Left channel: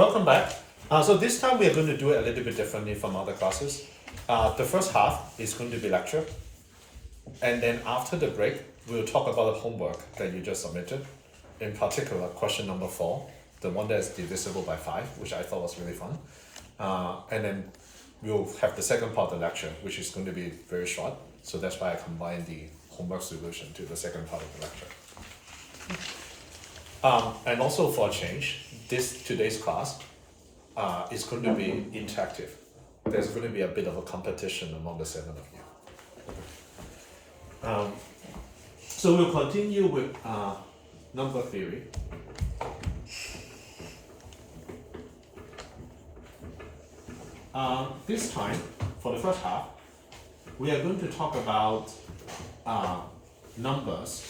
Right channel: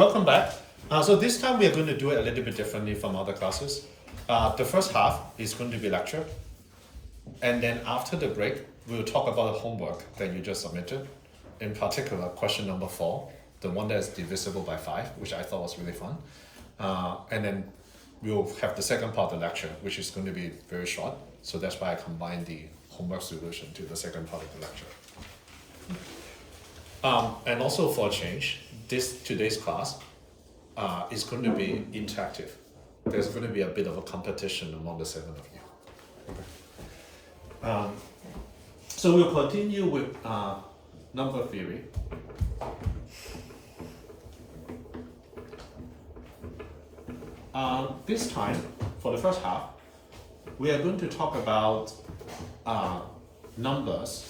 Welcome back. So this time we are going to do it a little bit differently from other classes. The first half is going to be lecture. And then after the break, we'll talk about the homework that you just submitted. In particular, question number 4, the one that is divisible by 5, which I thought was really fun. And then we'll have the second part of the lecture, which is going to be very short. So that's why I combined the homework solution to the second part of the lecture. And also for a change, today's class is going to be interactive. There's going to be a bit of a competition among the 7 of you. Okay. So we'll continue with number theory. This time, for the first half, we are going to talk about numbers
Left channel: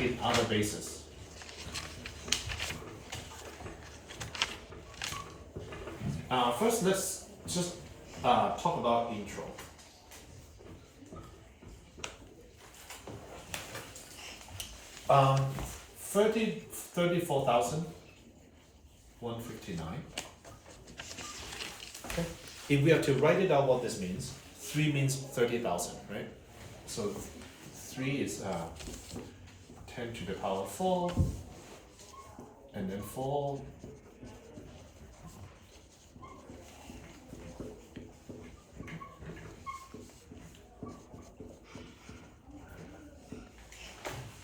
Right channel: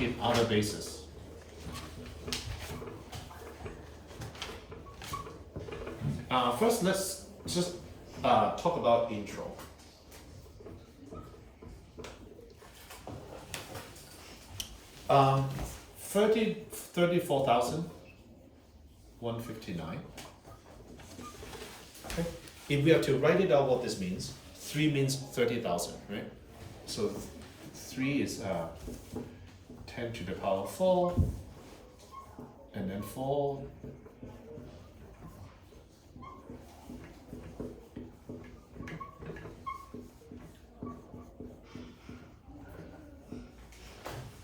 in other bases. First, let's just talk about intro. Um, 34,159. Okay. If we are to write it out what this means, 3 means 30,000, right? So 3 is 10 to the power 4, and then 4.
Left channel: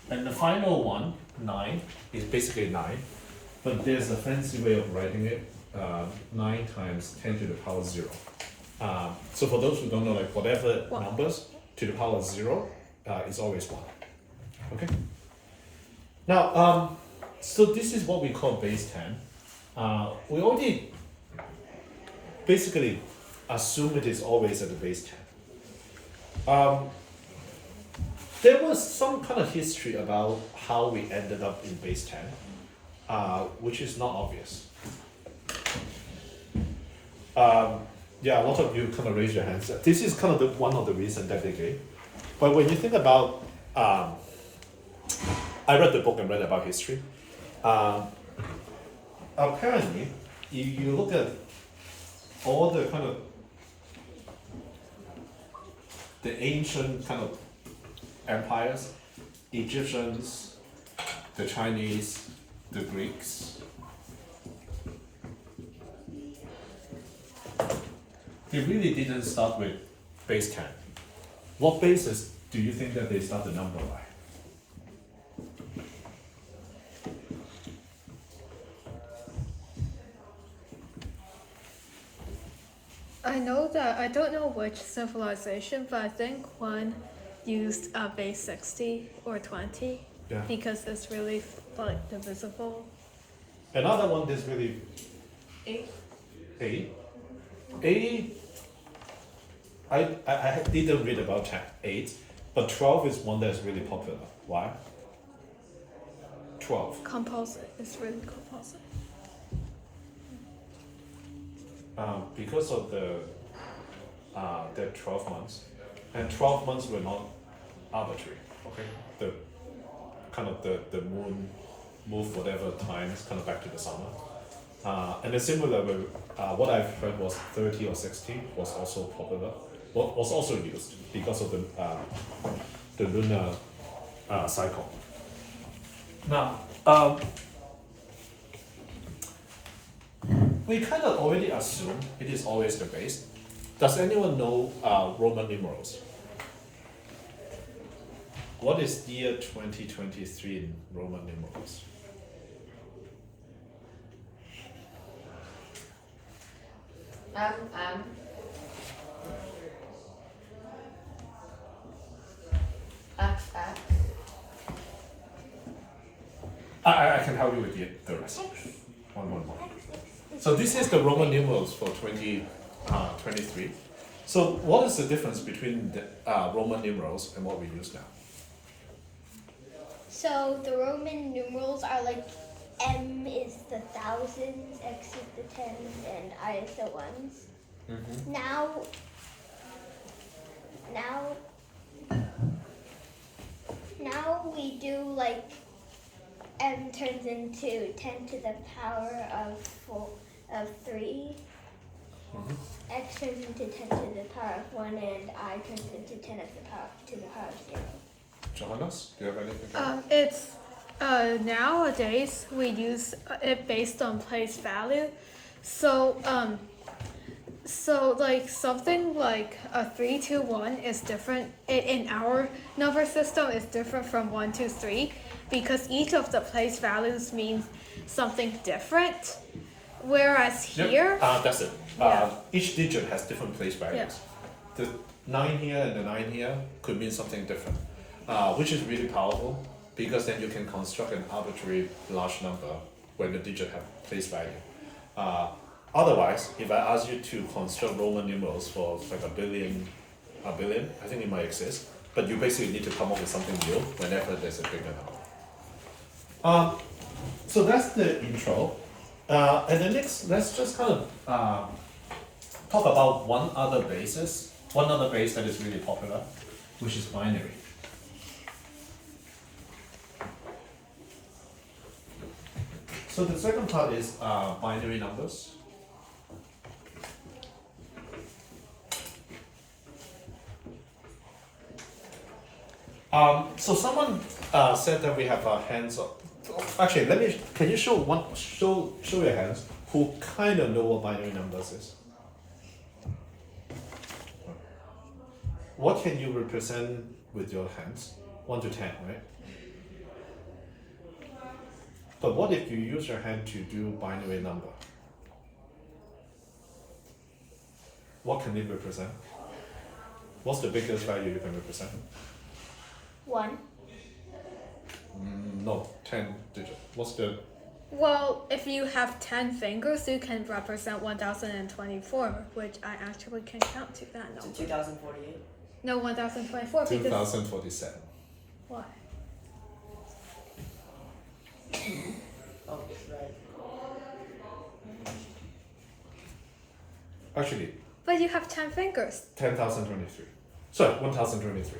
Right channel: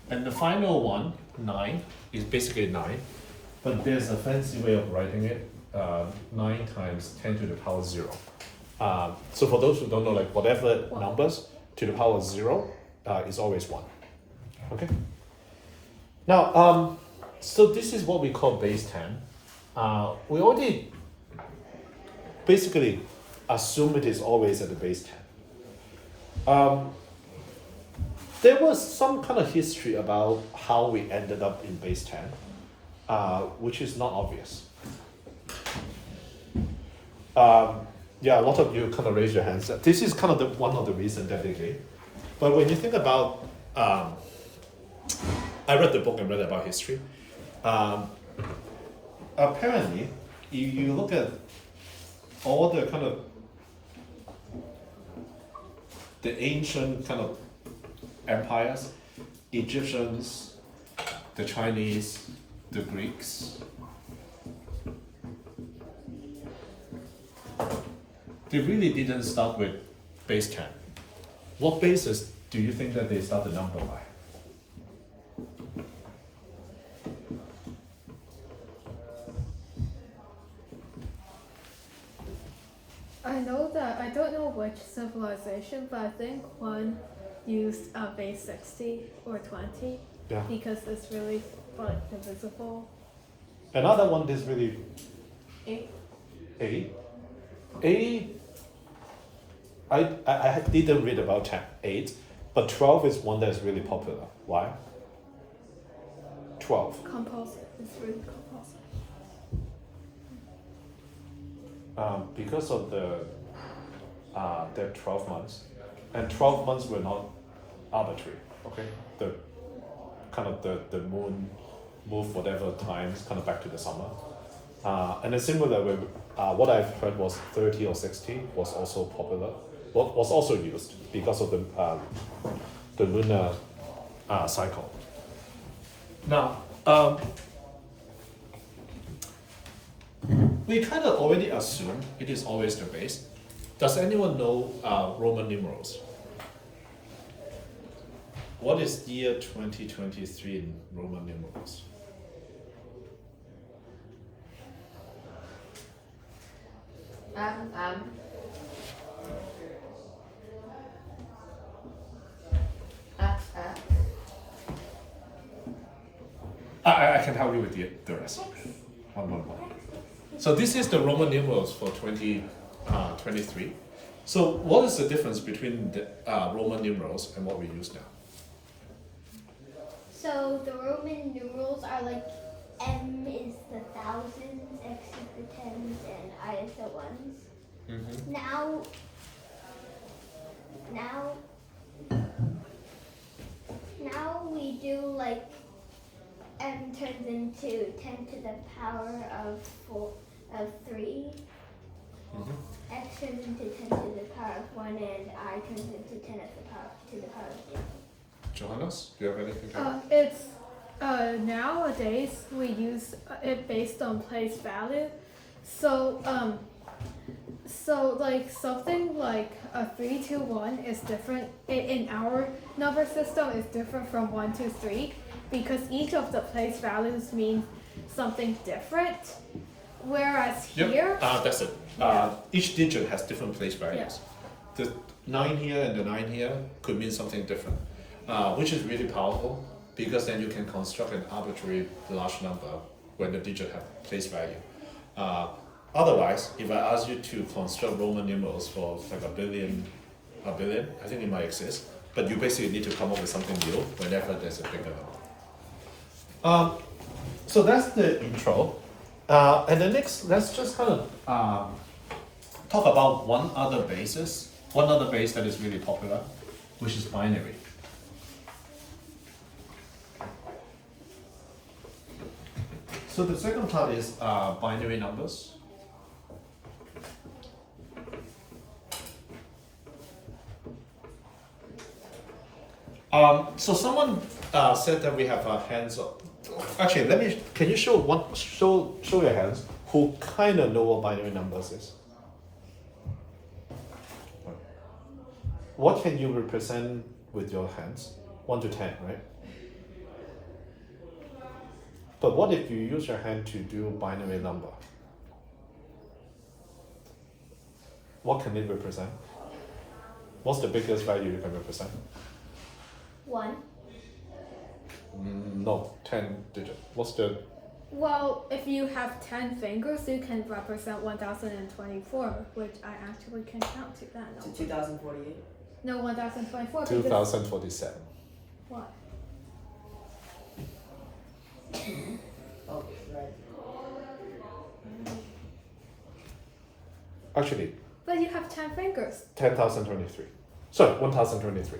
And the final one, 9, is basically 9, but there's a fancy way of writing it, 9 times 10 to the power 0. So for those who don't know, like whatever numbers to the power 0 is always 1. Okay? Now, so this is what we call base 10. We already basically assume it is always at the base 10. There was some kind of history about how we ended up in base 10, which is not obvious. Yeah, a lot of you kind of raise your hands. This is kind of one of the reasons that they gave. But when you think about, I read the book and read about history. Apparently, you look at all the kind of the ancient kind of empires, Egyptians, the Chinese, the Greeks. They really didn't start with base 10. What basis do you think that they start the number by? I know that, I don't know which civilization, but I think one used base 60 or 20 because it's really like divisible. Another one is really 8. 8. 80, I didn't read about 8, but 12 is one that's really popular. Why? 12. Composite. It's really composite. Because of the 12 months, and 12 months were not arbitrary. Okay, the kind of the moon moved whatever times kind of back to the summer, and a similar way. What I've heard was 30 or 60 was also popular. Was also used because of the lunar cycle. Now, we kind of already assume it is always the base. Does anyone know Roman numerals? What is year 2023 in Roman numerals? I can help you with the rest. 111. So this is the Roman numerals for 2023. So what is the difference between the Roman numerals and what we use now? So the Roman numerals are like M is the thousands, X is the tens, and I is the ones. Mm-hmm. Now we do like m turns into 10 to the power of 3. Mhm. X turns into 10 to the power of 1, and I turns into 10 to the power of 0. Johannes, do you have anything to add? It's nowadays we use it based on place value. So like something like a 3 to 1 is different in our number system is different from 1 to 3 because each of the place values means something different. Whereas here, That's it. Yeah. Each digit has different place values. The 9 here and the 9 here could mean something different, which is really powerful because then you can construct an arbitrary large number when the digit have place value. Otherwise, if I ask you to construct Roman numerals for like a billion, I think it might exist, but you basically need to come up with something new whenever there's a bigger number. So that's the intro. And then next, let's just kind of talk about one other base that is really popular, which is binary. So the second part is binary numbers. So someone said that we have our hands up. Actually, can you show your hands who kind of know what binary numbers is? What can you represent with your hands? 1 to 10, right? But what if you use your hand to do binary number? What can it represent? What's the biggest value you can represent? 1. No, 10 digit. What's the... well, if you have 10 fingers, you can represent 1024, which I actually can count to that So number. 2048? No, 1024 because 2047. why? Oh, right. Actually, But you have 10 fingers. 10,023. Sorry, 1,023.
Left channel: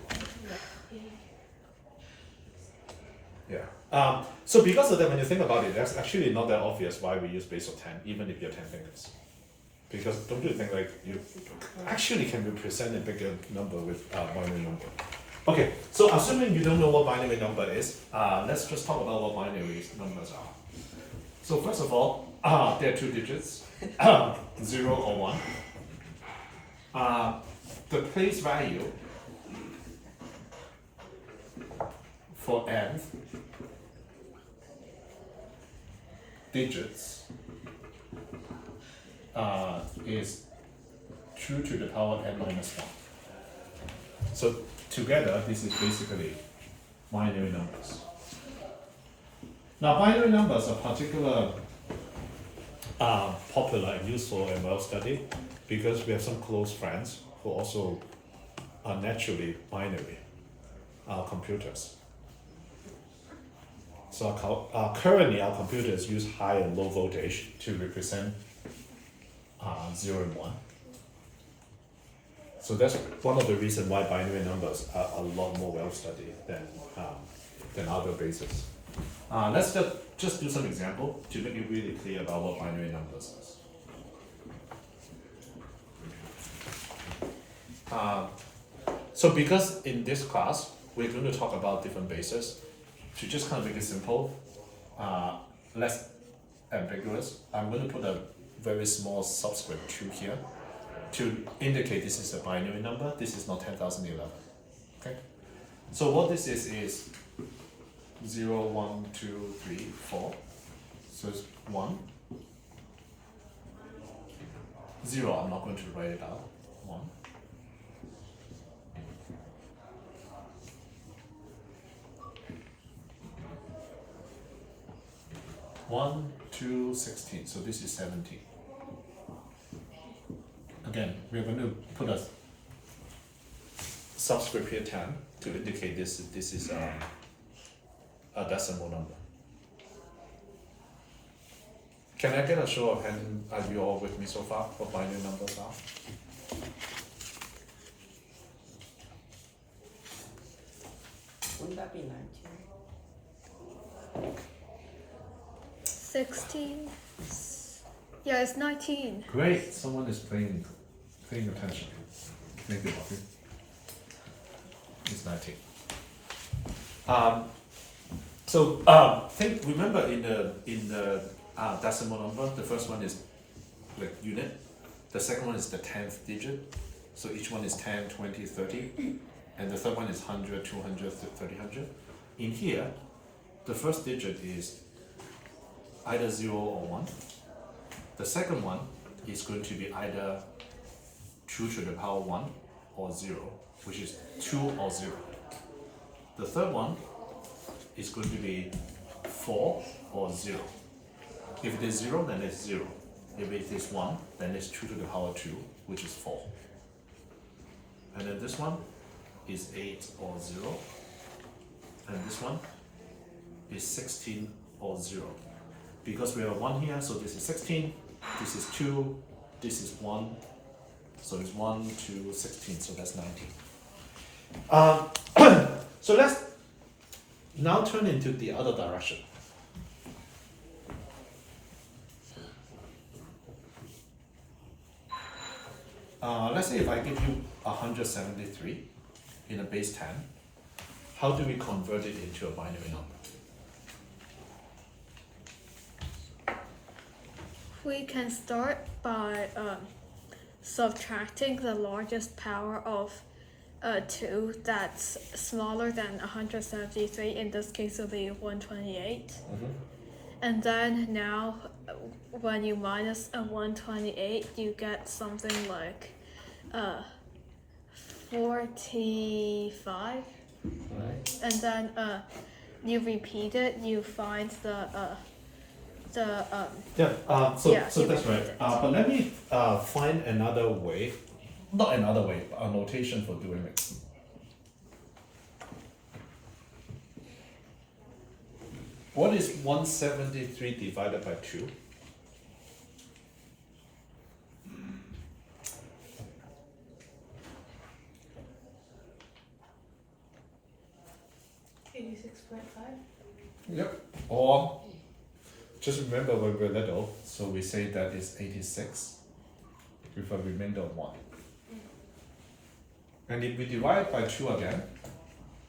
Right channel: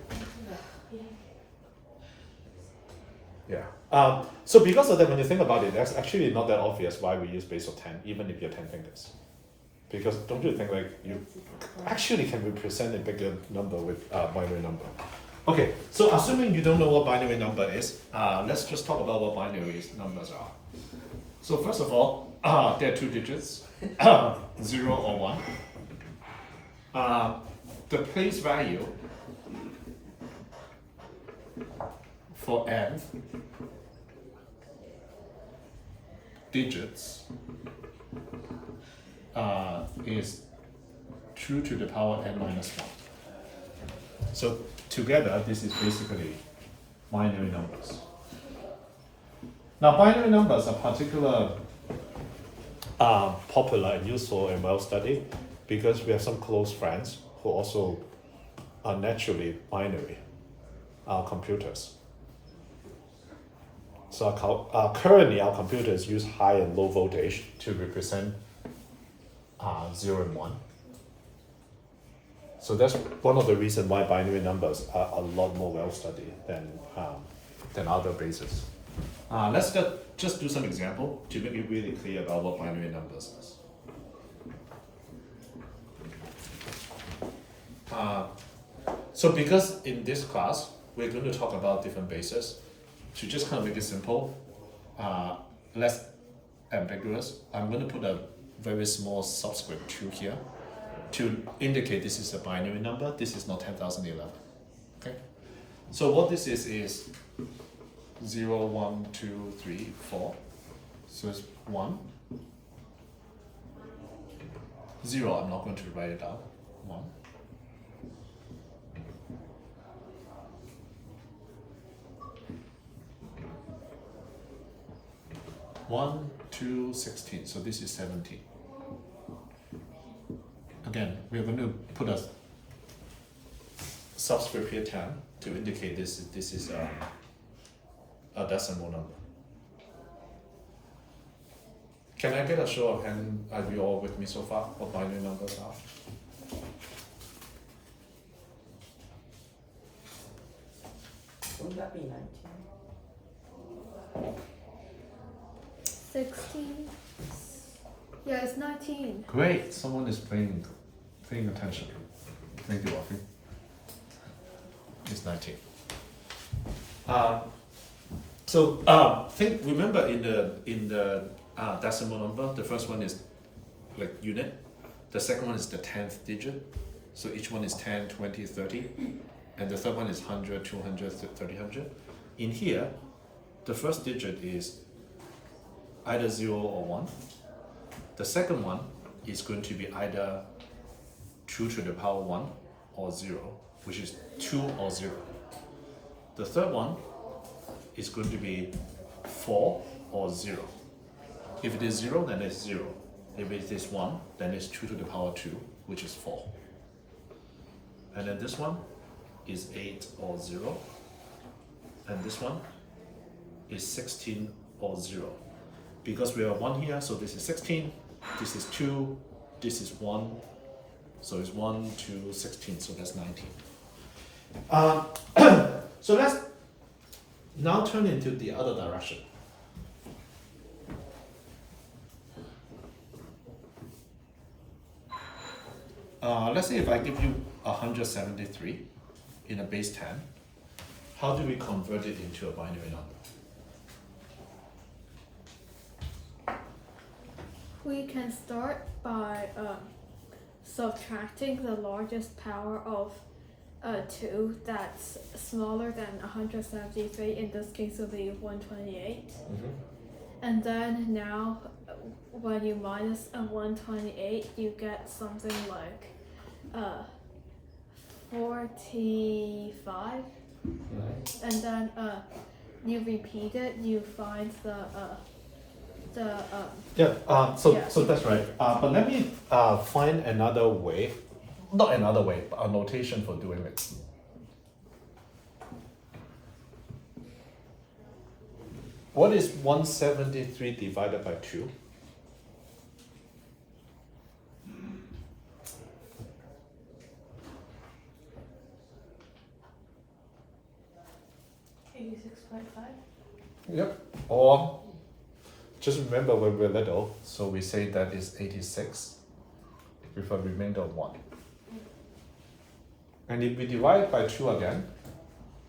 Yeah. So because of that, when you think about it, that's actually not that obvious why we use base of 10, even if you have 10 fingers. Because don't you think like you actually can represent a bigger number with binary number? Okay, so assuming you don't know what binary number is, let's just talk about what binary numbers are. So first of all, there are 2 digits, 0 or 1. The place value for n digits is 2 to the power n minus 1. So together, this is basically binary numbers. Now, binary numbers are particularly popular and useful and well studied because we have some close friends who also are naturally binary computers. So currently our computers use high and low voltage to represent 0 and 1. So that's one of the reasons why binary numbers are a lot more well studied than other bases. Let's just do some example to make it really clear about what binary numbers is. So because in this class we're going to talk about different bases, to just kind of make it simple, less ambiguous, I'm going to put a very small subscript 2 here to indicate this is a binary number. This is not 10,011. Okay. So what this is 0, 1, 2, 3, 4. So it's 1. 0, I'm not going to write it out. 1. 1, 2, 16. So this is 17. Again, we're going to put a subscript here 10 to indicate this is a decimal number. Can I get a show of hand? Are you all with me so far? What binary numbers are? Wouldn't that be 19? 16. Yeah, it's 19. Great, someone is paying attention. Thank you, Audrey. It's 19. Remember in the decimal number, the first one is like unit, the second one is the 10th digit, so each one is 10, 20, 30, and the third one is 100, 200, 300. In here, the first digit is either 0 or 1. The second one is going to be either 2 to the power 1 or 0, which is 2 or 0. The third one is going to be 4 or 0. If it is 0, then it's 0. If it is 1, then it's 2 to the power 2, which is 4. And then this one is 8 or 0. And this one is 16 or 0. Because we have 1 here, so this is 16, this is 2, this is 1. So it's 1, 2, 16, so that's 19. So let's now turn into the other direction. Let's say if I give you 173 in a base 10, how do we convert it into a binary number? We can start by subtracting the largest power of 2 that's smaller than 173. In this case, it'll be 128. And then now, when you minus a 128, you get something like 45. And then you repeat it, you find so Yeah, Yeah, so you that's right. repeat it. But let me find another way, not another way, but a notation for doing it. What is 173 divided by 2? Yep. Or just remember when we're little, so we say that is 86 with a remainder of 1. And if we divide by 2 again,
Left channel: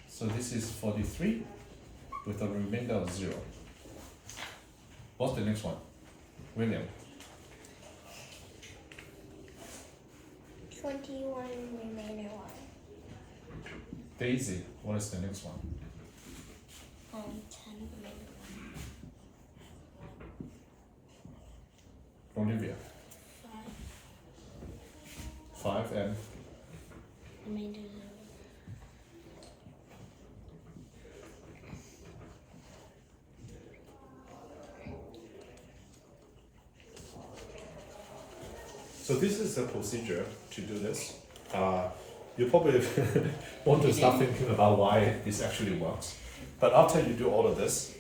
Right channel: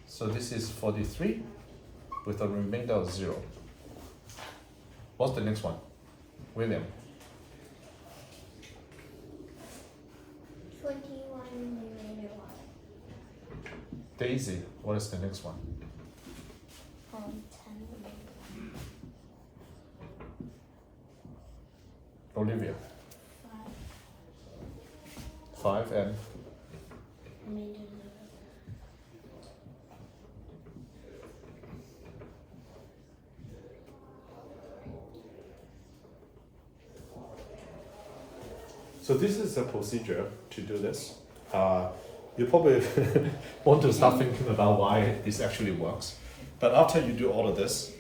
so this is 43 with a remainder of 0. What's the next one? William. 21 remainder 1. Daisy, what is the next one? 10 remainder 1. Olivia. 5 5 and remainder 0. so this is the procedure to do this. You probably want to start thinking about why this actually works. But after you do all of this,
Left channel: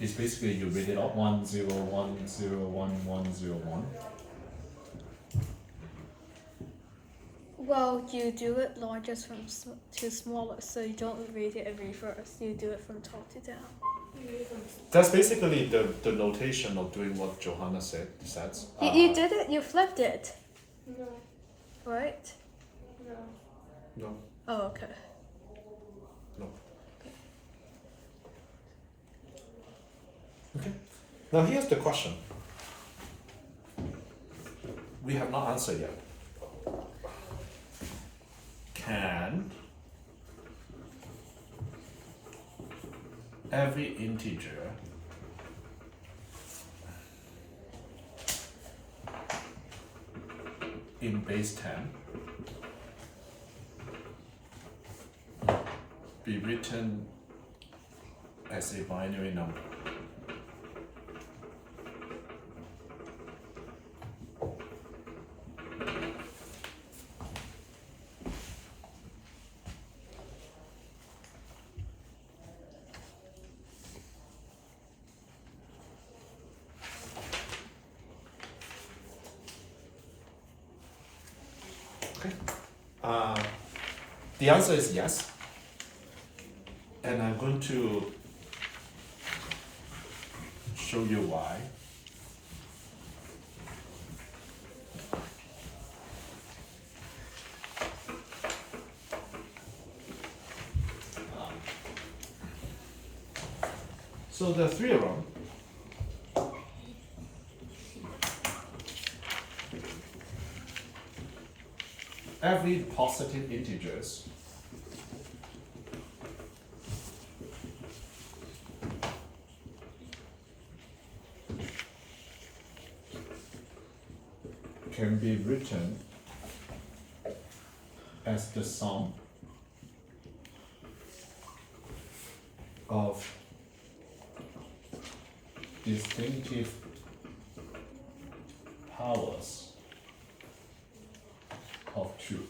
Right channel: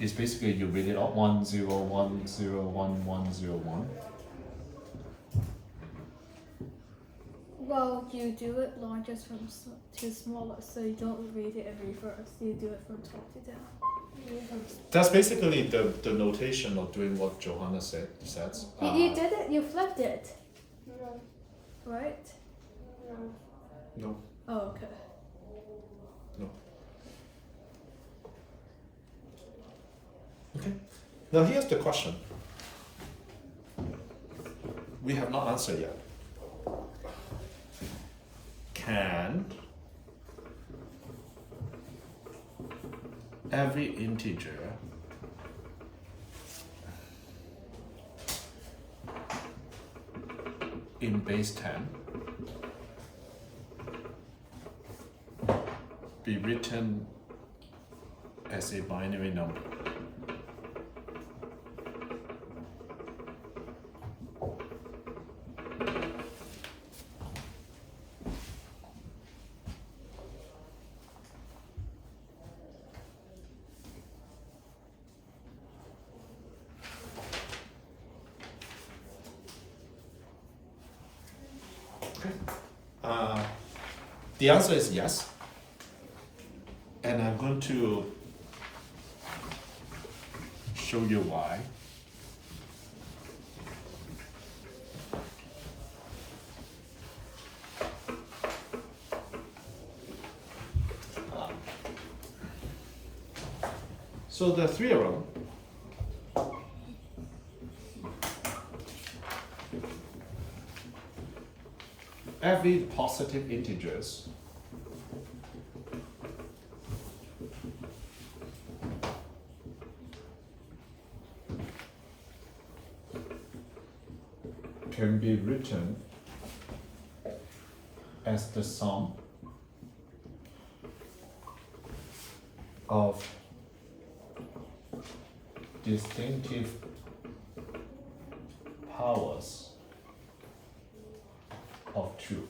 it's basically you read it out 1 0 1 0 1 1 0 1. well, you do it largest from to smallest, so you don't read it in reverse. You do it from top to down. That's basically the notation of doing what Johanna says. You did it. You flipped it, No, right? no. No, Oh, okay. no. Okay. Now here's the question. We have not answered yet. Can every integer in base 10 be written as a binary number? The answer is yes. And I'm going to show you why. So the three of them. Every positive integers can be written as the sum of distinctive powers of 2.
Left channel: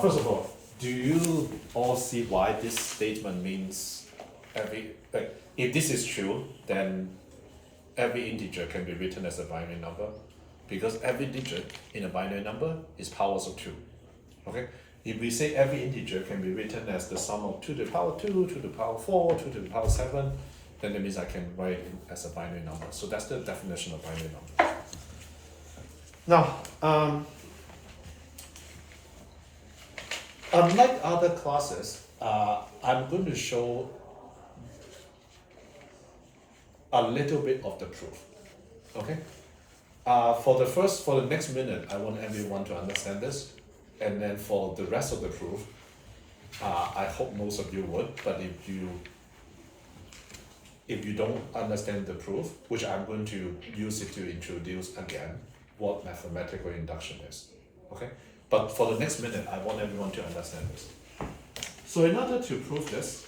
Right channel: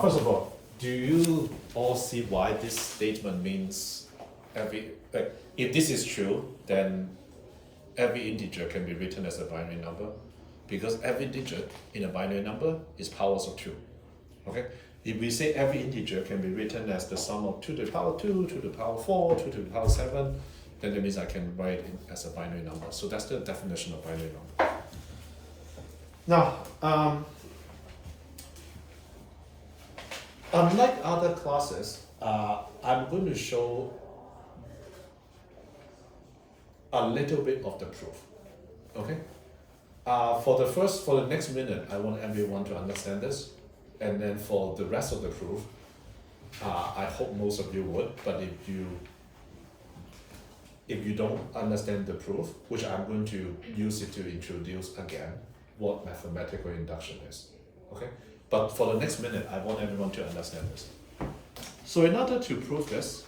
First of all, do you all see why this statement means if this is true, then every integer can be written as a binary number, because every digit in a binary number is powers of 2. Okay? If we say every integer can be written as the sum of 2 to the power 2, 2 to the power 4, 2 to the power 7, then that means I can write it as a binary number. So that's the definition of binary number. Now, unlike other classes, I'm going to show a little bit of the proof. Okay? For the next minute, I want everyone to understand this, and then for the rest of the proof, I hope most of you would. But if you don't understand the proof, which I'm going to use it to introduce again what mathematical induction is. Okay? But for the next minute, I want everyone to understand this. So in order to prove this,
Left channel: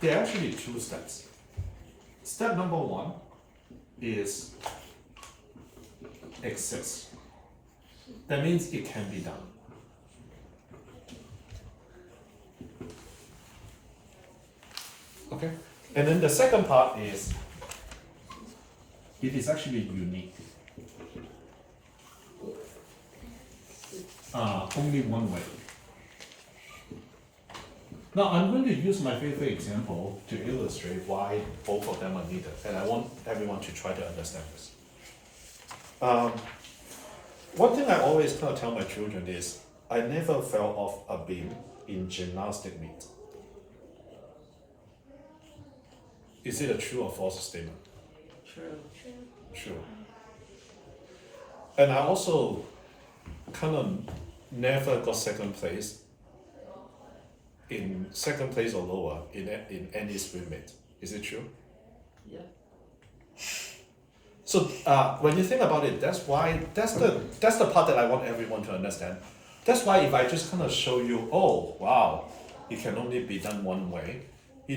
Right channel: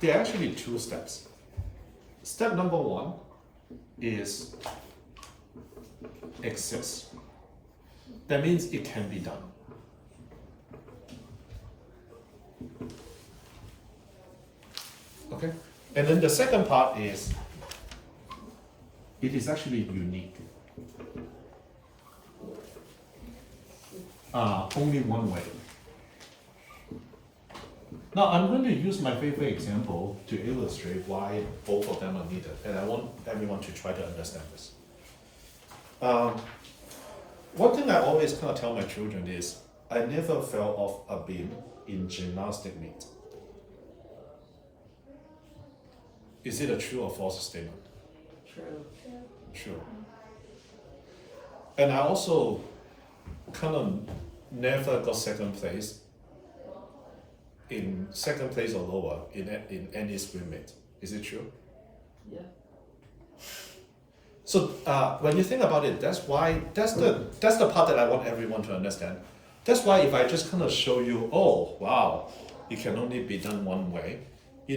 there are actually 2 steps. Step number 1 is exists. That means it can be done. Okay? And then the second part is it is actually unique. Only one way. Now I'm going to use my favorite example to illustrate why both of them are needed, and I want everyone to try to understand this. One thing I always kind of tell my children is I never fell off a beam in gymnastic meet. Is it a true or false statement? True. True. And I also kind of never got second place or lower in any swim meet. Is it true? Yeah. So when you think about it, that's the part that I want everyone to understand. That's why if I just kind of show you, oh wow, it can only be done one way, it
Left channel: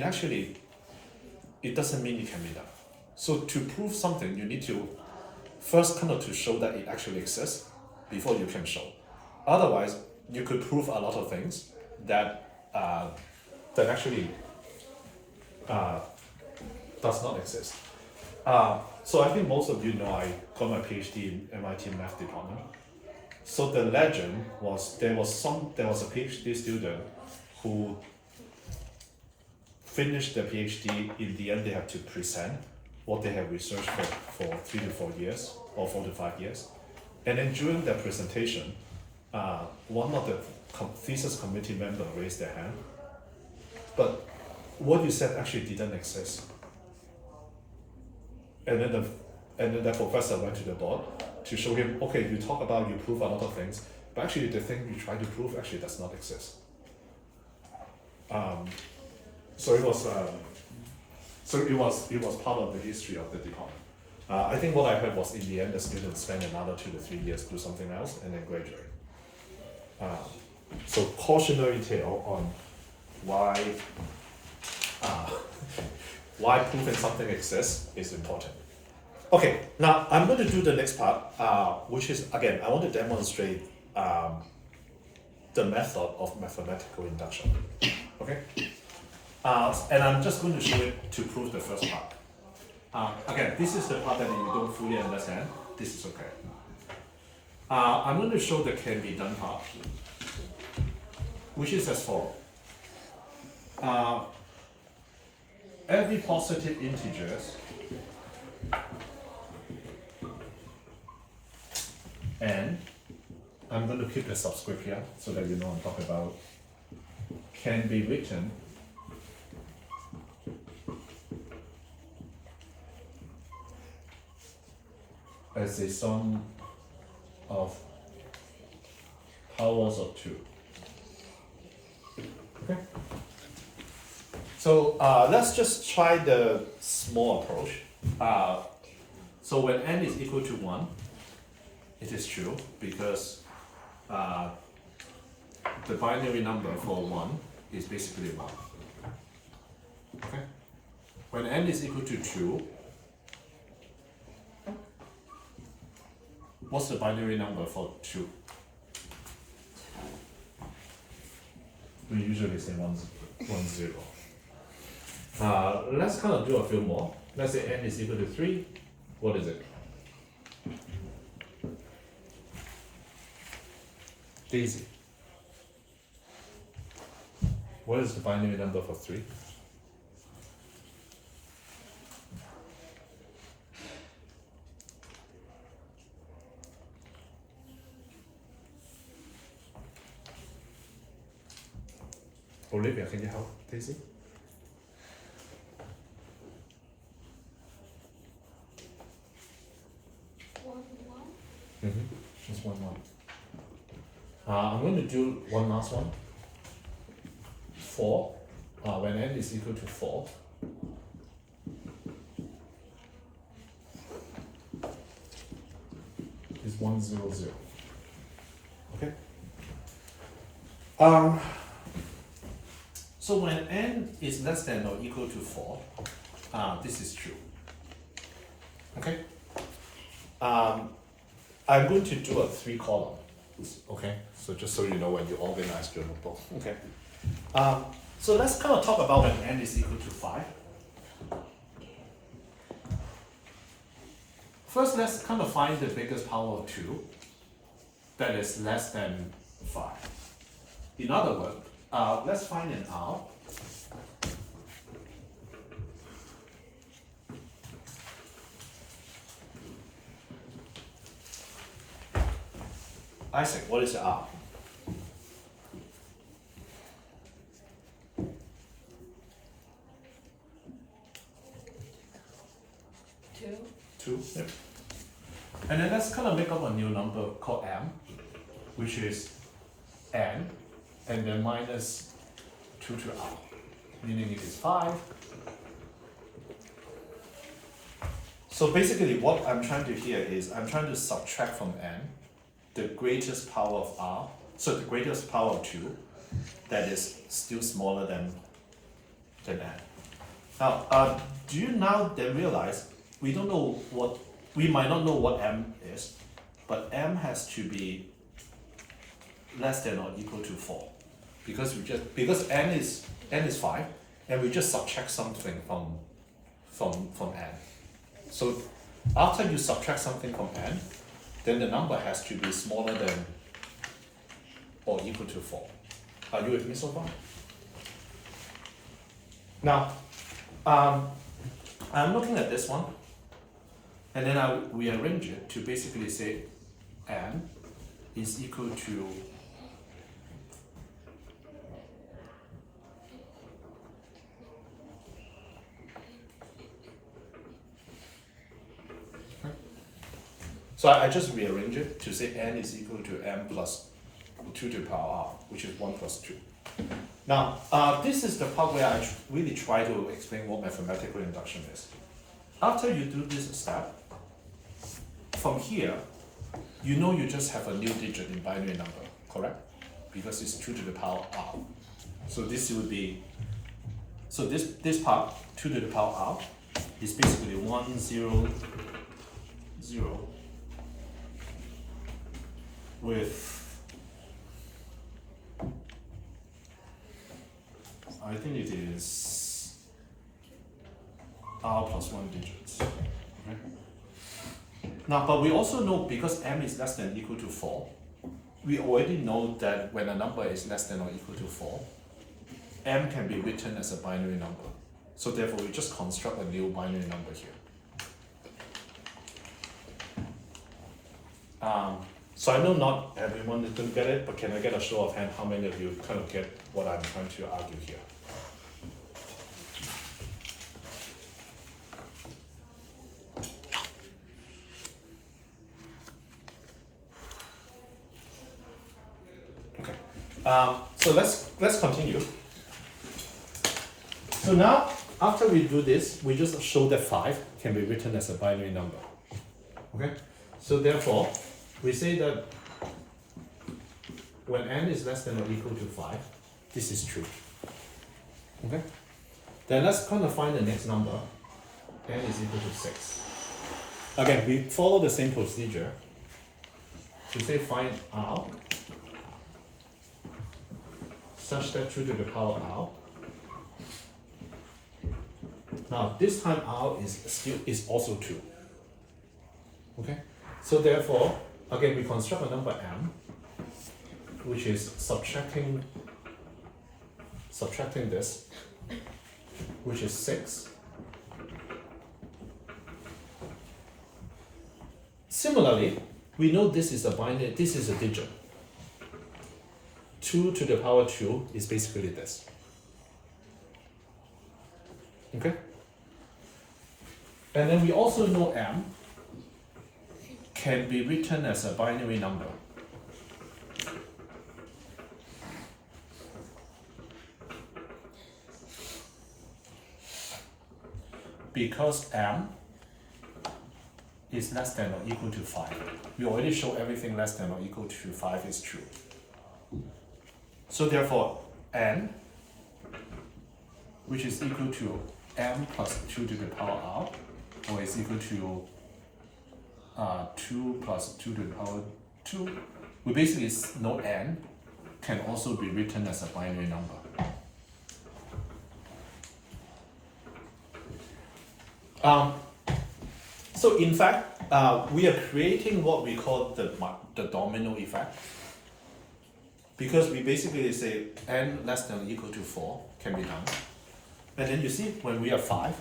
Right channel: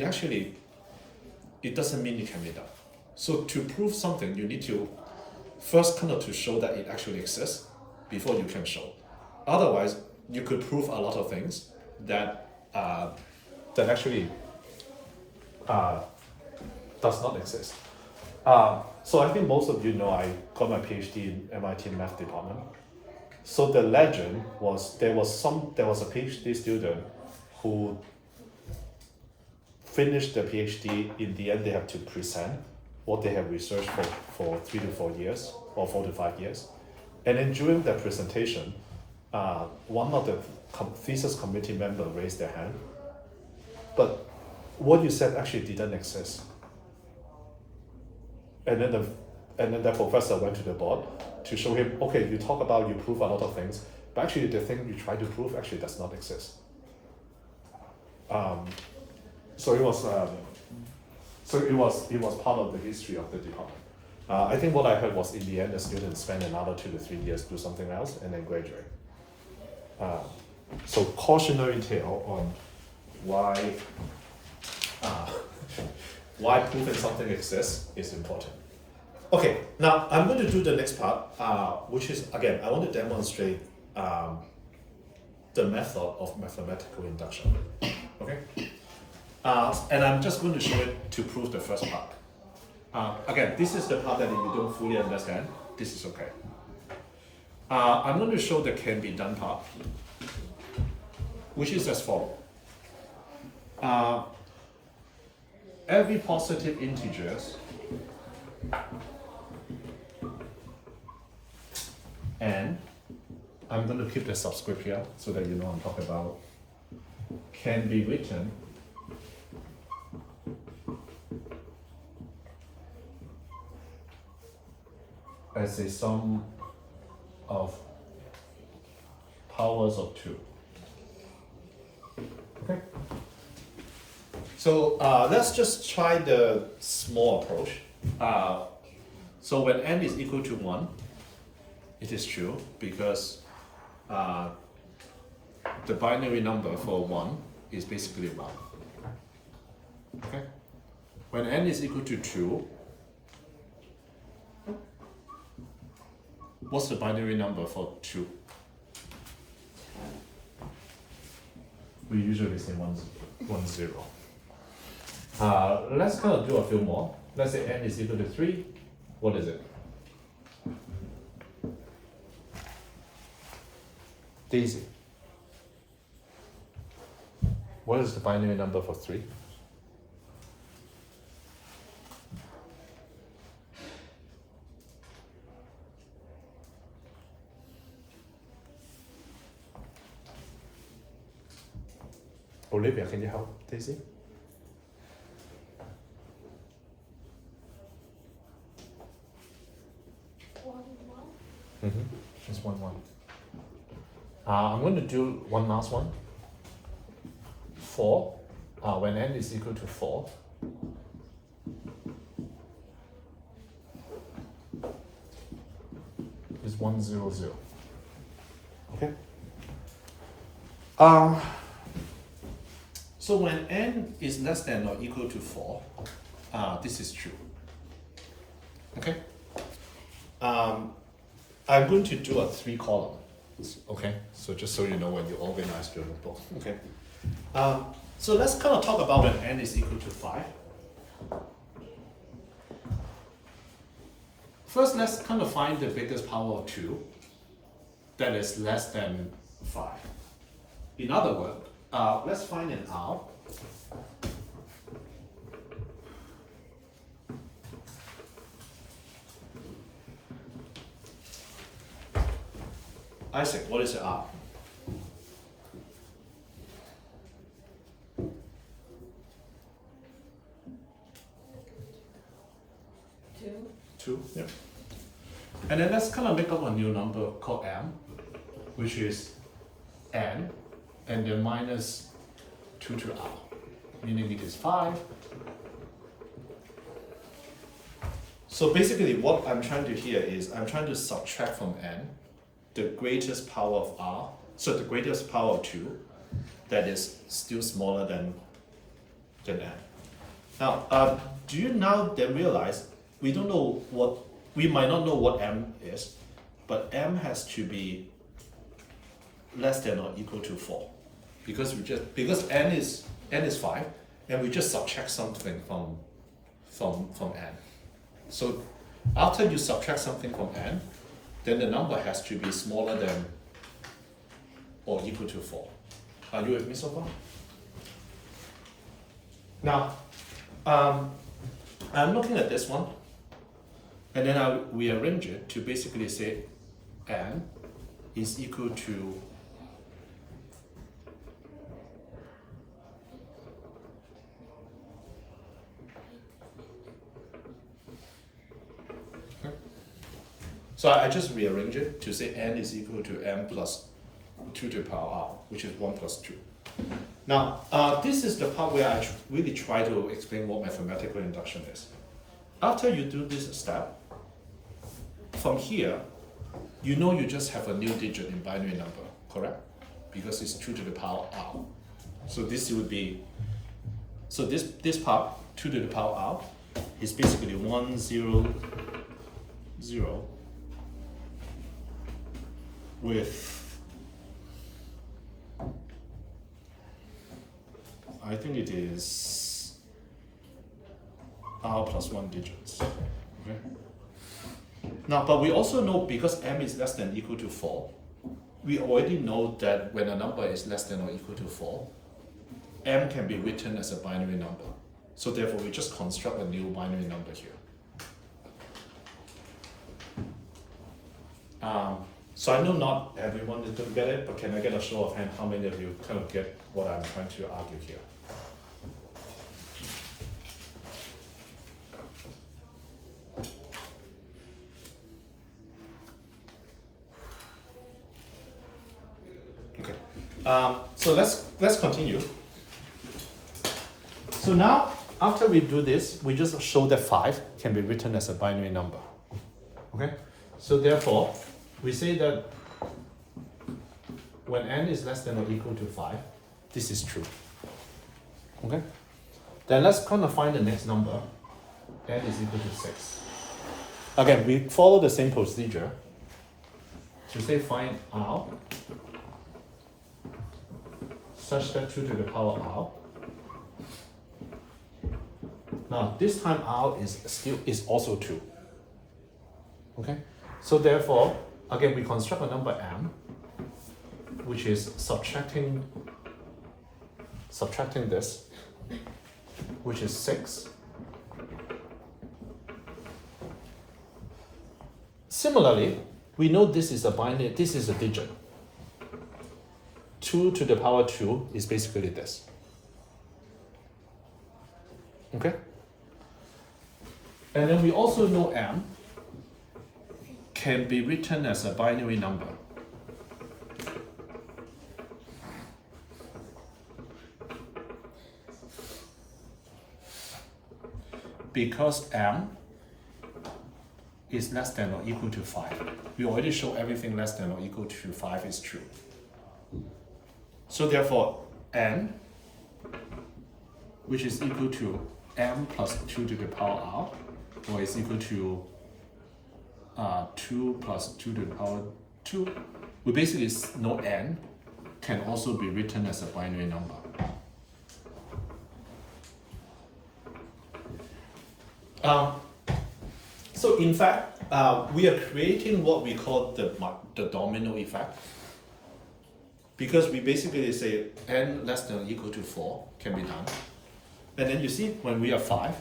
doesn't mean it can be done. So to prove something, you need to first kind of to show that it actually exists before you can show. Otherwise, you could prove a lot of things that actually does not exist. So I think most of you know I got my PhD in MIT math department. So the legend was there was a PhD student who finished their PhD. In the end, they have to present what they have researched for 3 to 4 years or 4 to 5 years. And then during their presentation, one of the thesis committee members raised their hand. But what you said actually didn't exist. And then the professor went to the board to show him, okay, you talk about you prove a lot of things, but actually the thing you try to prove actually does not exist. So it was part of the history of the department. I think what I heard was in the end the students spend another 2 to 3 years do something else and then graduate. So cautionary tale on why proving something exists is important. Okay, now I'm going to do the next part, which is, again, I want to demonstrate the method of mathematical induction. Okay? And I'm just going to show it to prove the first part. Again, this is the part that if you don't fully understand, this is okay. I'm going to show the can be done part, which is as follows. Every positive integers And I'm going to keep the subscript here so that you know I'm talking about can be written as a sum of powers of 2. Okay? So let's just try the small approach. So when n is equal to 1, it is true because the binary number for 1 is basically 1. Okay? When n is equal to 2, what's the binary number for 2? We usually say 1, 0. Let's kind of do a few more. Let's say n is equal to 3. What is it? Daisy. What is the binary number for 3? Olivia, can you help Daisy? It's 1, 1. I'm going to do one last one. 4. When n is equal to 4, is 1, 0, 0. Okay. So when n is less than or equal to 4, this is true. Okay. I'm going to do a 3 column. Okay, so just so you know when you organize your notebook. Okay. So let's kind of talk about when n is equal to 5. First, let's kind of find the biggest power of 2 that is less than 5. In other words, let's find an R. Isaac, what is R? Two, yeah. And then let's kind of make up a new number called m, which is n, and then minus 2 to r, meaning it is 5. So basically what I'm trying to here is I'm trying to subtract from n the greatest power of r, so the greatest power of 2 that is still smaller than n. Now, do you now then realize we don't know what, we might not know what m is, but m has to be less than or equal to 4 because n is 5 and we just subtract something from n. So after you subtract something from n, then the number has to be smaller than or equal to 4. Are you with me so far? Now, I'm looking at this one, and then I rearrange it to basically say n is equal to so I just rearrange it to say n is equal to m plus 2 to the power r, which is 1 plus 2. Now, this is the part where I really try to explain what mathematical induction is. After you do this step, from here, you know you just have a new digit in binary number, correct? Because it's 2 to the power r. So this would be, so this part, 2 to the power r, is basically 1, 0, 0, with, I think it is r plus 1 digits. Okay. Now, but we also know because m is less than or equal to 4, we already know that when a number is less than or equal to 4, m can be written as a binary number. So therefore, we just construct a new binary number here. So I know not everyone is going to get it, but can I get a show of hand how many of you kind of get what I'm trying to argue here? Okay. So let's continue. So now, after we do this, we just show that 5 can be written as a binary number. Okay? So therefore, we say that when n is less than or equal to 5, this is true. Okay? Then let's kind of find the next number. N is equal to 6. Again, we follow the same procedure. To say find r such that 2 to the power r. Now this time r is also 2. Okay? So therefore, again we construct a number m, which is subtracting this, which is 6. Similarly, we know this is a binary, this is a digit. 2 to the power 2 is basically this. Okay? And then we also know m can be written as a binary number. Because m is less than or equal to 5. We already show everything less than or equal to 5 is true. So therefore, n, which is equal to m plus 2 to the power r, or is equal to 2 plus 2 to the power 2, we basically know n can also be written as a binary number. So in fact, we are creating what we call the domino effect, because we basically say n less than or equal to 4 can be done. And then you see when we are 5,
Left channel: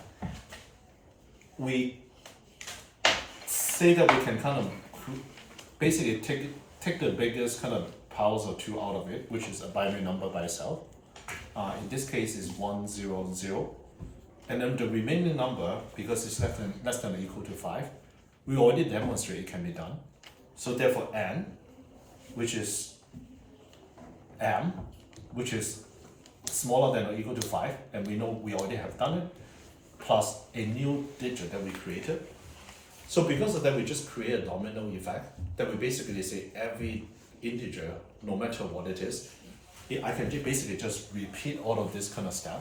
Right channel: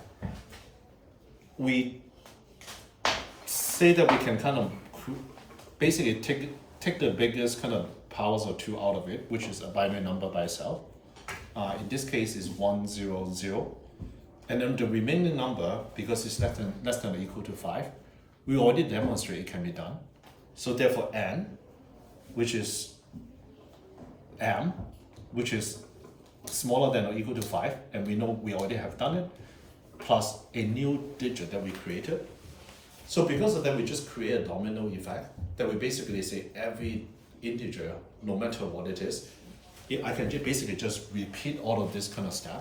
we say that we can kind of basically take the biggest kind of powers of 2 out of it, which is a binary number by itself. In this case is 1, 0, 0. And then the remaining number, because it's less than or equal to 5, we already demonstrate it can be done. So therefore n, which is m, which is smaller than or equal to 5, and we know we already have done it, plus a new digit that we created. So because of that, we just create a domino effect that we basically say every integer, no matter what it is, I can basically just repeat all of this kind of stuff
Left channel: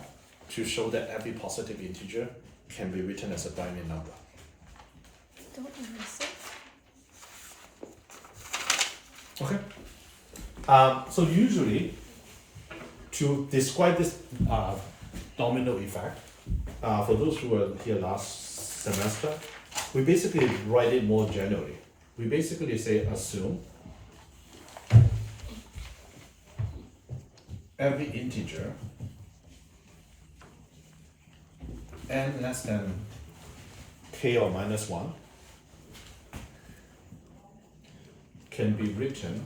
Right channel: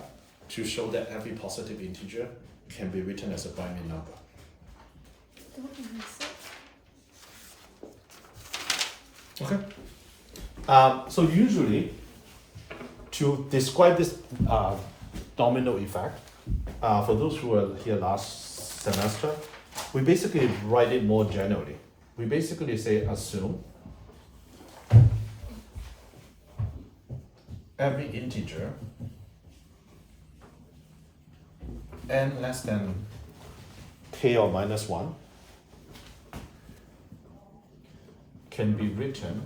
to show that every positive integer can be written as a binary number. Don't erase it. Okay. So usually, to describe this domino effect, for those who were here last semester, we basically write it more generally. We basically say assume every integer n less than k or minus 1 can be written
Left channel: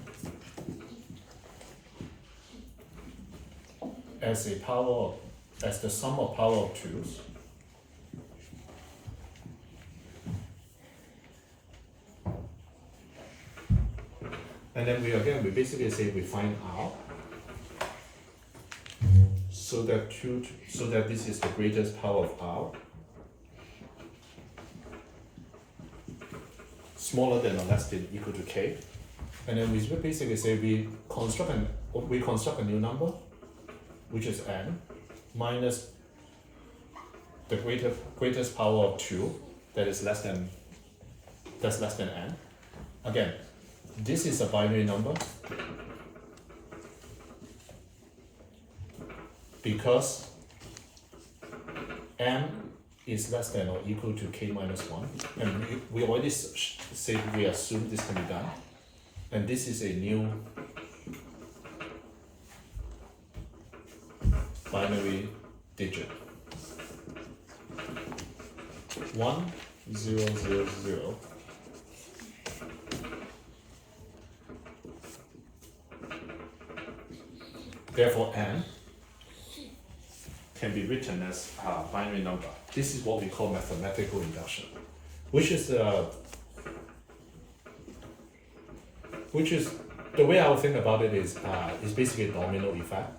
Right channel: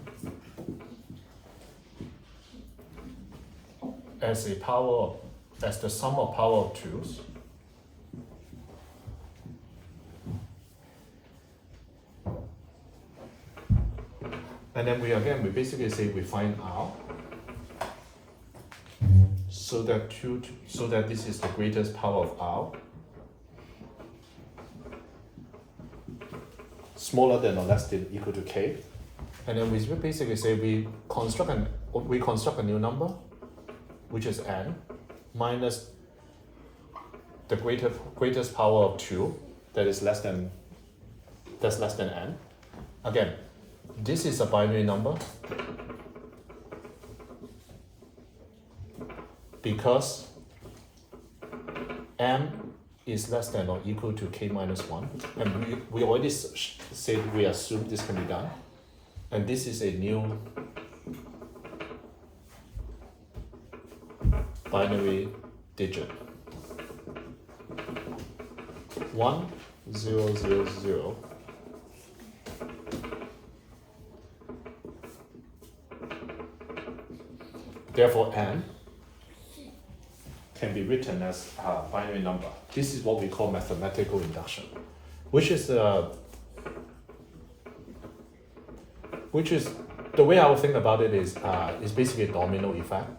as the sum of power of 2's and then we basically say we find r so that this is the greatest power of r smaller than or less than equal to k, and then we basically say we construct a new number, which is n minus the greatest power of 2 that's less than n. Again, this is a binary number because m is less than or equal to k minus 1, and we already say we assume this can be done, and this is a new binary digit. 1, 0, 0, 0 Therefore, n can be written as a binary number. This is what we call mathematical induction, which is the way I would think about it is basically a domino effect.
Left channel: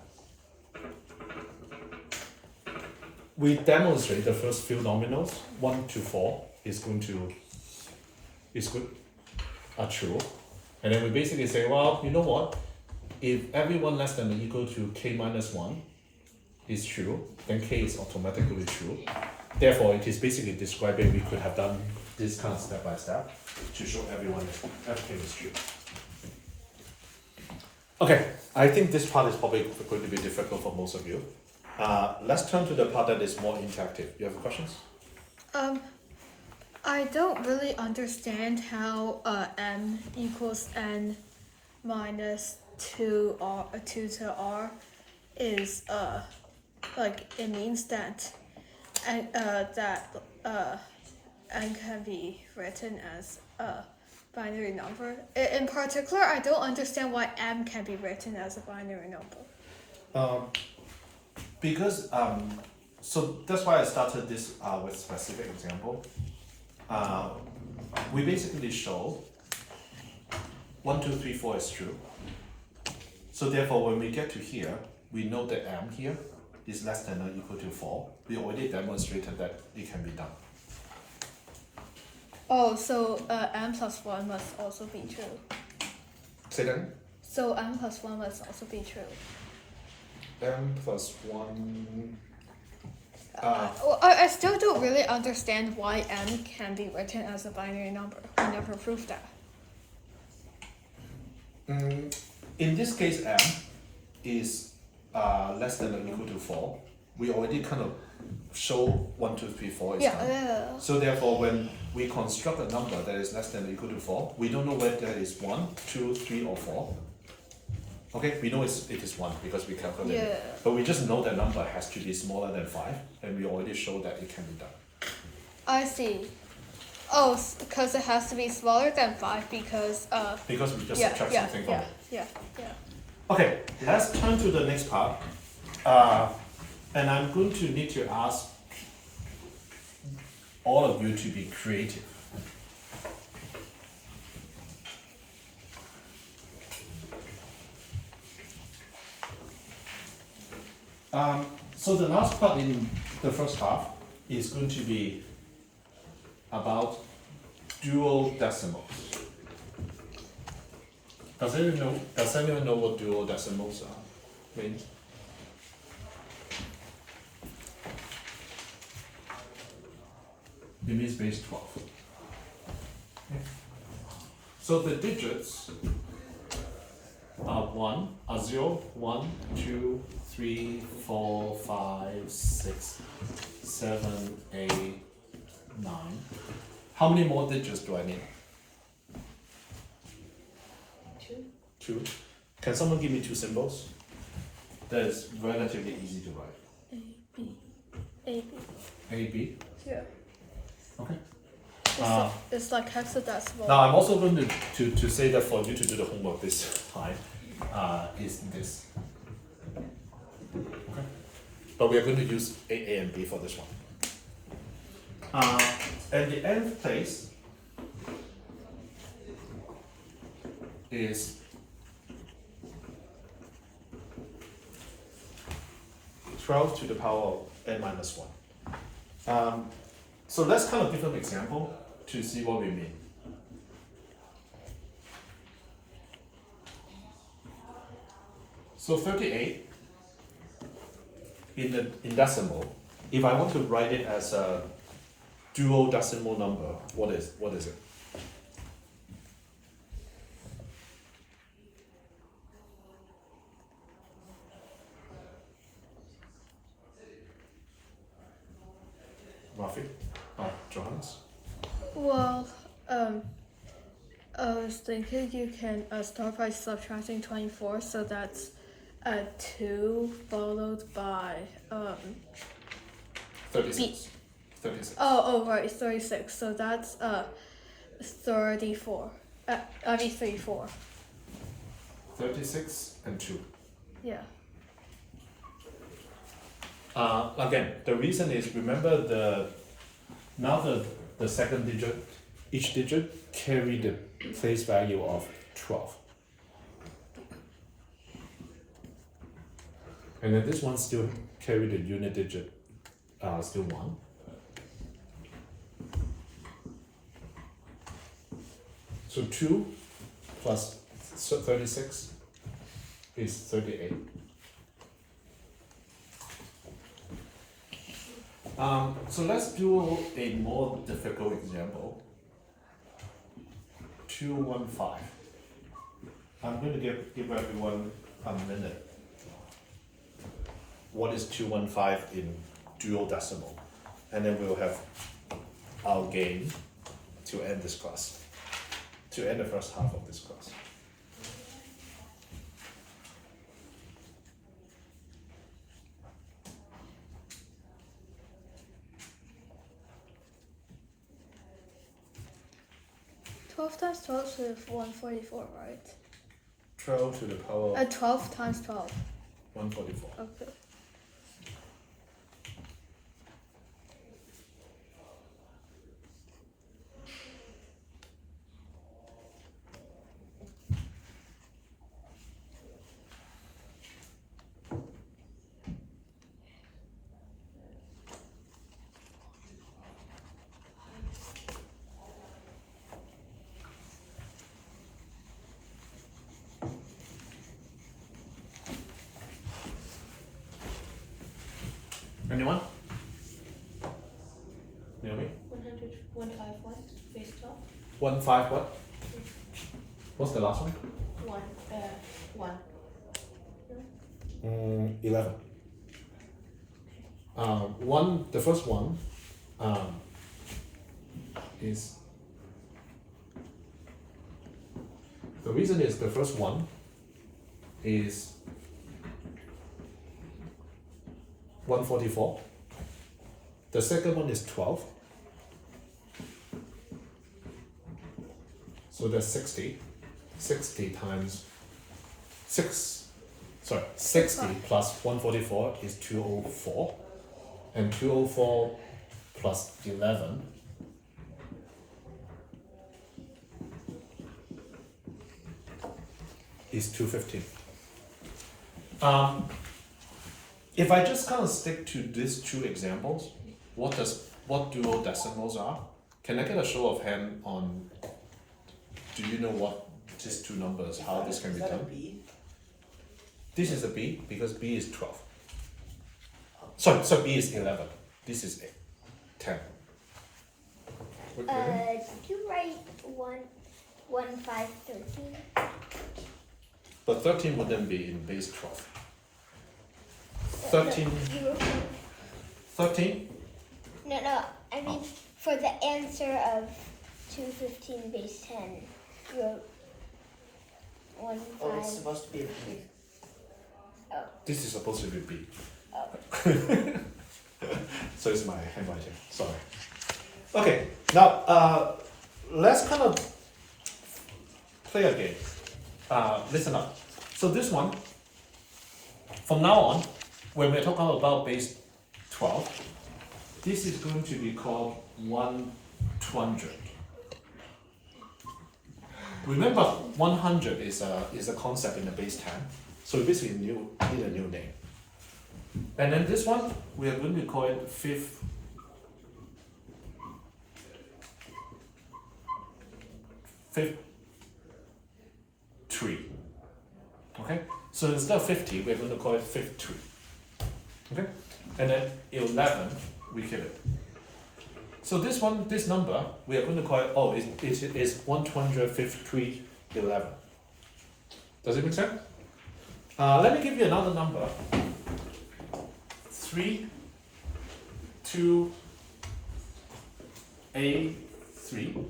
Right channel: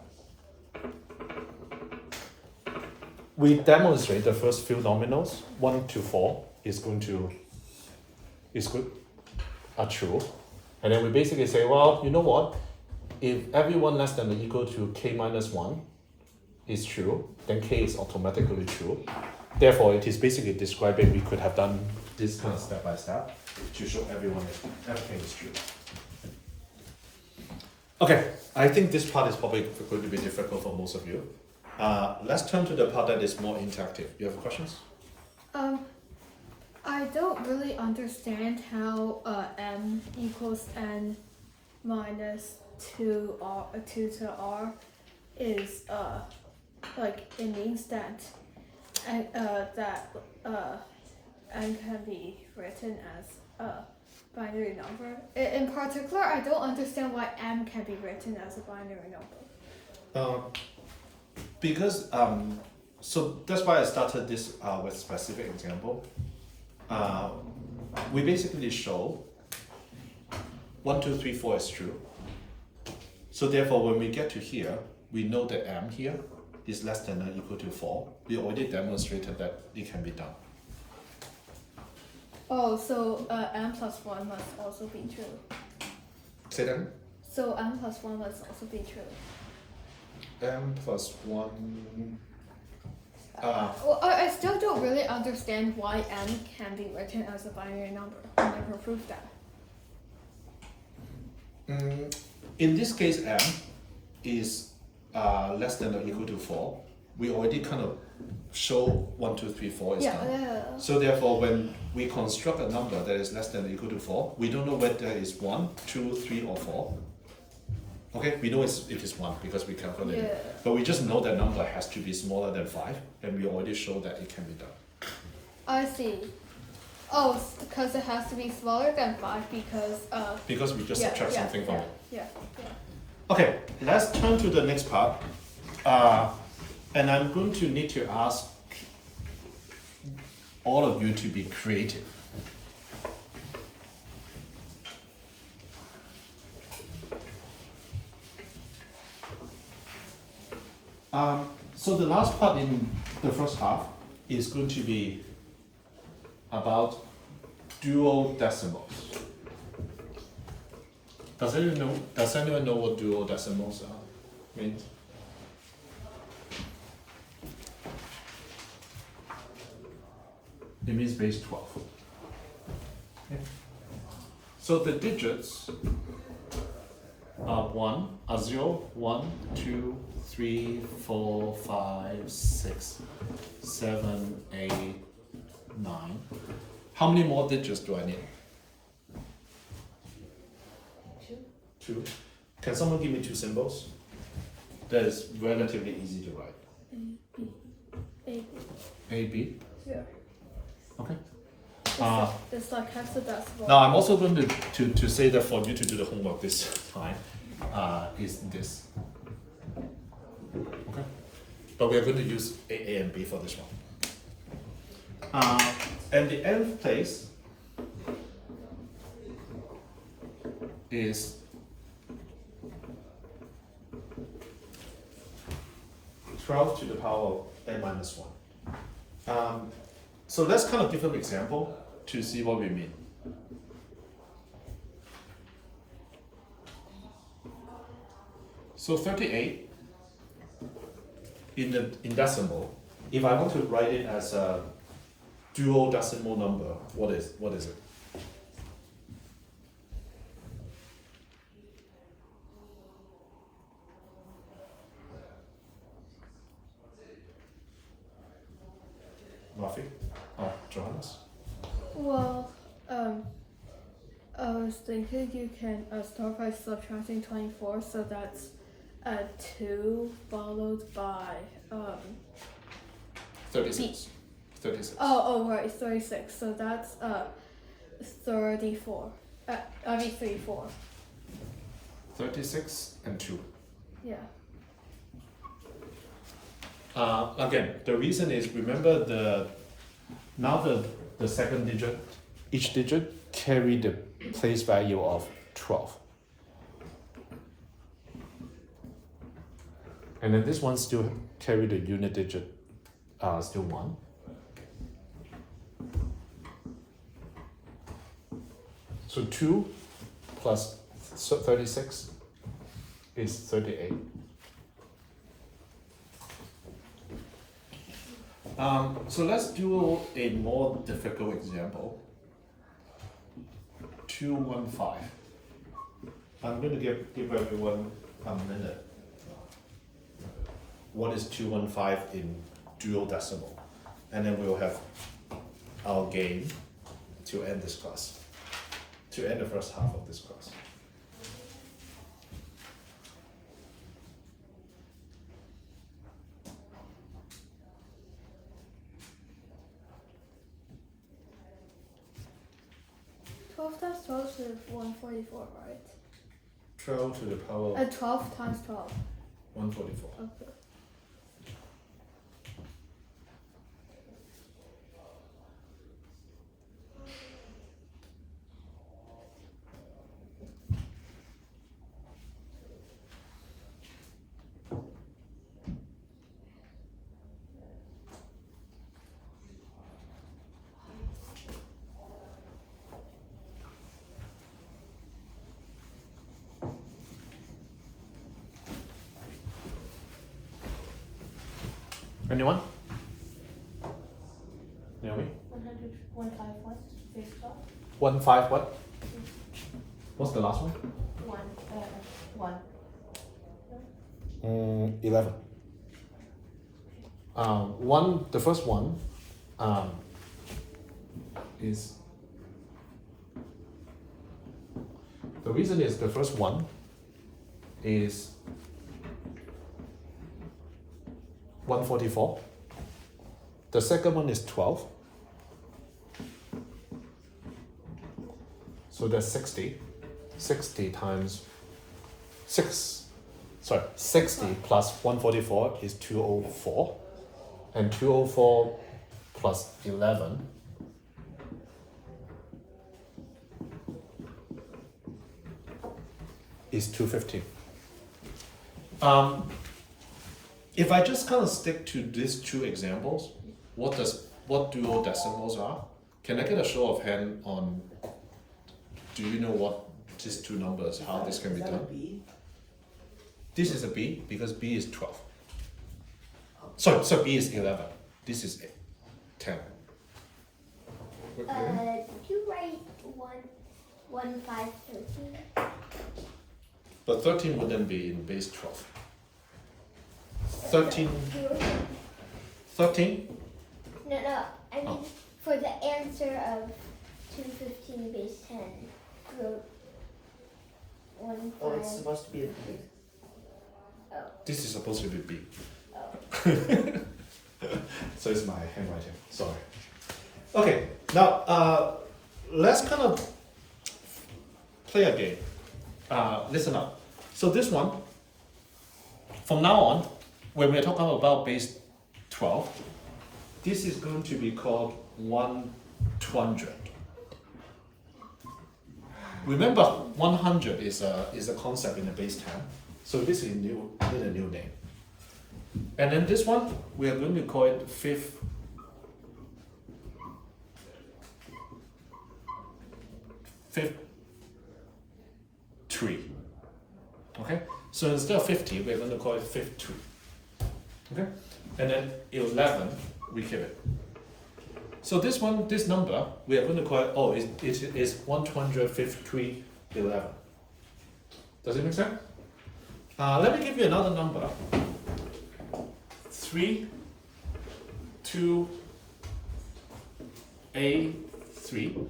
We demonstrate the first few nominals, 1 to 4 are true. And then we basically say, well, you know what? If everyone less than or equal to k minus 1 is true, then k is automatically true. Therefore, it is basically describing we could have done this kind of step by step to show everything is true. Okay, I think this part is probably going to be difficult for most of you. Let's turn to the part that is more interactive. You have questions? I don't really understand how m equals n minus 2 to r is like it means that n can be written as a binary number. In particular, I don't understand why m can be written as a binary number. Because so that's why I started this with specific example. We basically show 1, 2, 3, 4 is true. So therefore, when we get to here, we know that m here is less than or equal to 4. We already demonstrated that it can be done. Oh, so m plus 1 must also be true. Say that again? So m plus 1 must also be true. M plus 1. Well, I still don't really understand why m can be written as a binary number. I never proved that. In this case, m is less than or equal to 4. We already kind of show 1, 2, 3, 4 is done. Yeah. So therefore, when we construct a number that is less than or equal to 4, we don't know whether it's 1, 2, 3, or 4. Okay, we know it is 1 because we calculated it. But we just know that number has to be smaller than 5, and we already showed that it can be done. I see. Oh, because it has to be smaller than 5 because Because we just subtract something from it. Yeah. Okay, let's turn to the next part. And I'm going to need to ask all of you to be creative. So the last part in the first half is going to be about duodecimals. Does anyone know what duodecimals mean? It means base 12. Okay. So the digits are 0, 1, 2, 3, 4, 5, 6, 7, 8, 9. How many more digits do I need? 2. Can someone give me 2 symbols? That is relatively easy to write. A, B. Yeah. Okay. It's like hexadecimal. Now I'm also going to say that for you to do the homework this time is this. Okay. But we are going to use A, and B for this one. And the nth place is 12 to the power of n minus 1. So let's kind of give an example to see what we mean. So 38 in decimal, if I want to write it as a duodecimal number, what is it? Rafi? Johannes? Well, I was thinking you can start by subtracting 24, so that's 2 followed by 36. 36. Oh right, 36. So that's 34. I mean 34. 36 and 2. Yeah. Again, the reason is, remember the second digit, each digit carry the place value of 12. And then this one still carry the unit digit, still 1. So 2 plus 36 is 38. So let's do a more difficult example. 215. I'm going to give everyone a minute. What is 215 in duodecimal? And then we'll have our game to end this class, to end the first half of this class. Times 12 is 144, right? 12 to the power of 12 times 12. 144. Okay. Anyone? Naomi? 100, 151, base 12. 15 what? What's the last one? 1. 11. The first one is, the reason is the first one is 144. The second one is 12. So that's 60. 60 times 60 plus 144 is 204. And 204 plus 11 is 250. If I just kind of stick to these two examples, what duodecimals are? Can I get a show of hand on, do you know what these two numbers, how this can be done? B? This is a B because B is 12. Sorry, so B is 11. This is 10. Did you write 1, 5, 13? But 13 would then be in base 12. 13. 13? No, I mean, for the answer of 215 base 10, you wrote 1, 5. Oh, it's supposed to be a B. This is supposed to be B. Oh. So it's my handwriting, sorry. Okay, now let's kind of play a game. Listen up. So this one, from now on, when we're talking about base 12, this is going to be called 100. Remember, 100 is a concept in the base 10, so this is need a new name. And then this one, we are going to call it 53. Okay? So instead of 50, we're going to call it 53. Okay? And then 11, we keep it. So this one, this number, we are going to call it, it is 153, 11. Does it make sense? Let me give you another number. 3, 2, A3.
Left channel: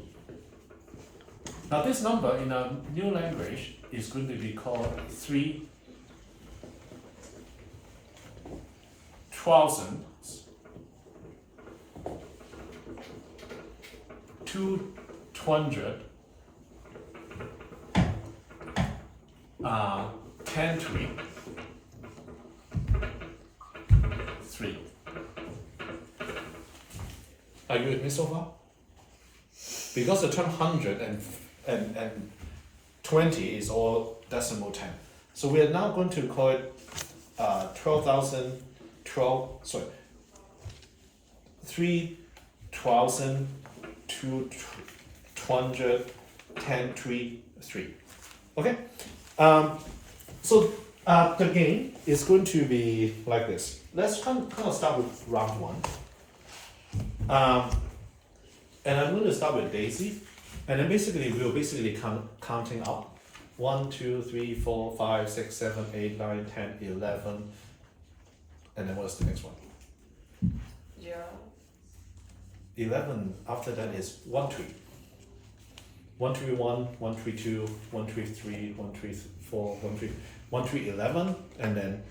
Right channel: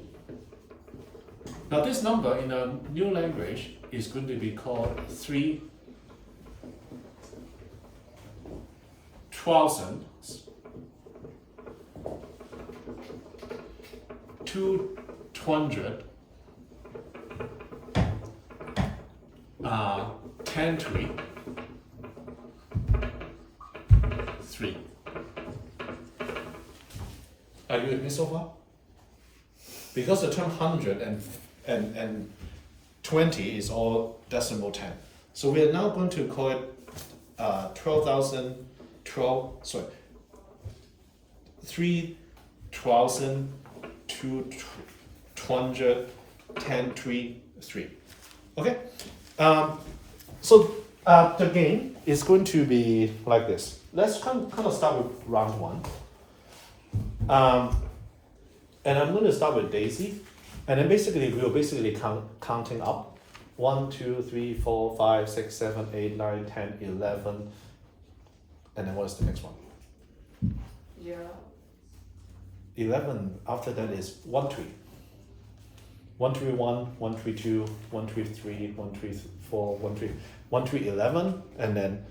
Now this number in a new language is going to be called 3,000, 200, 10 3. Are you with me so far? Because the term 100 and 20 is all decimal 10. So we are now going to call it 3,210.3. Okay? So the game is going to be like this. Let's kind of start with round one. And I'm going to start with Daisy. And then basically, we'll basically counting up. 1, 2, 3, 4, 5, 6, 7, 8, 9, 10, 11. And then what's the next one? 0. 11, after that is 1, 3. 1, 3, 1, 1, 3, 2, 1, 3, 3, 1, 3, 4, 1, 3, 1, 3, 11, and then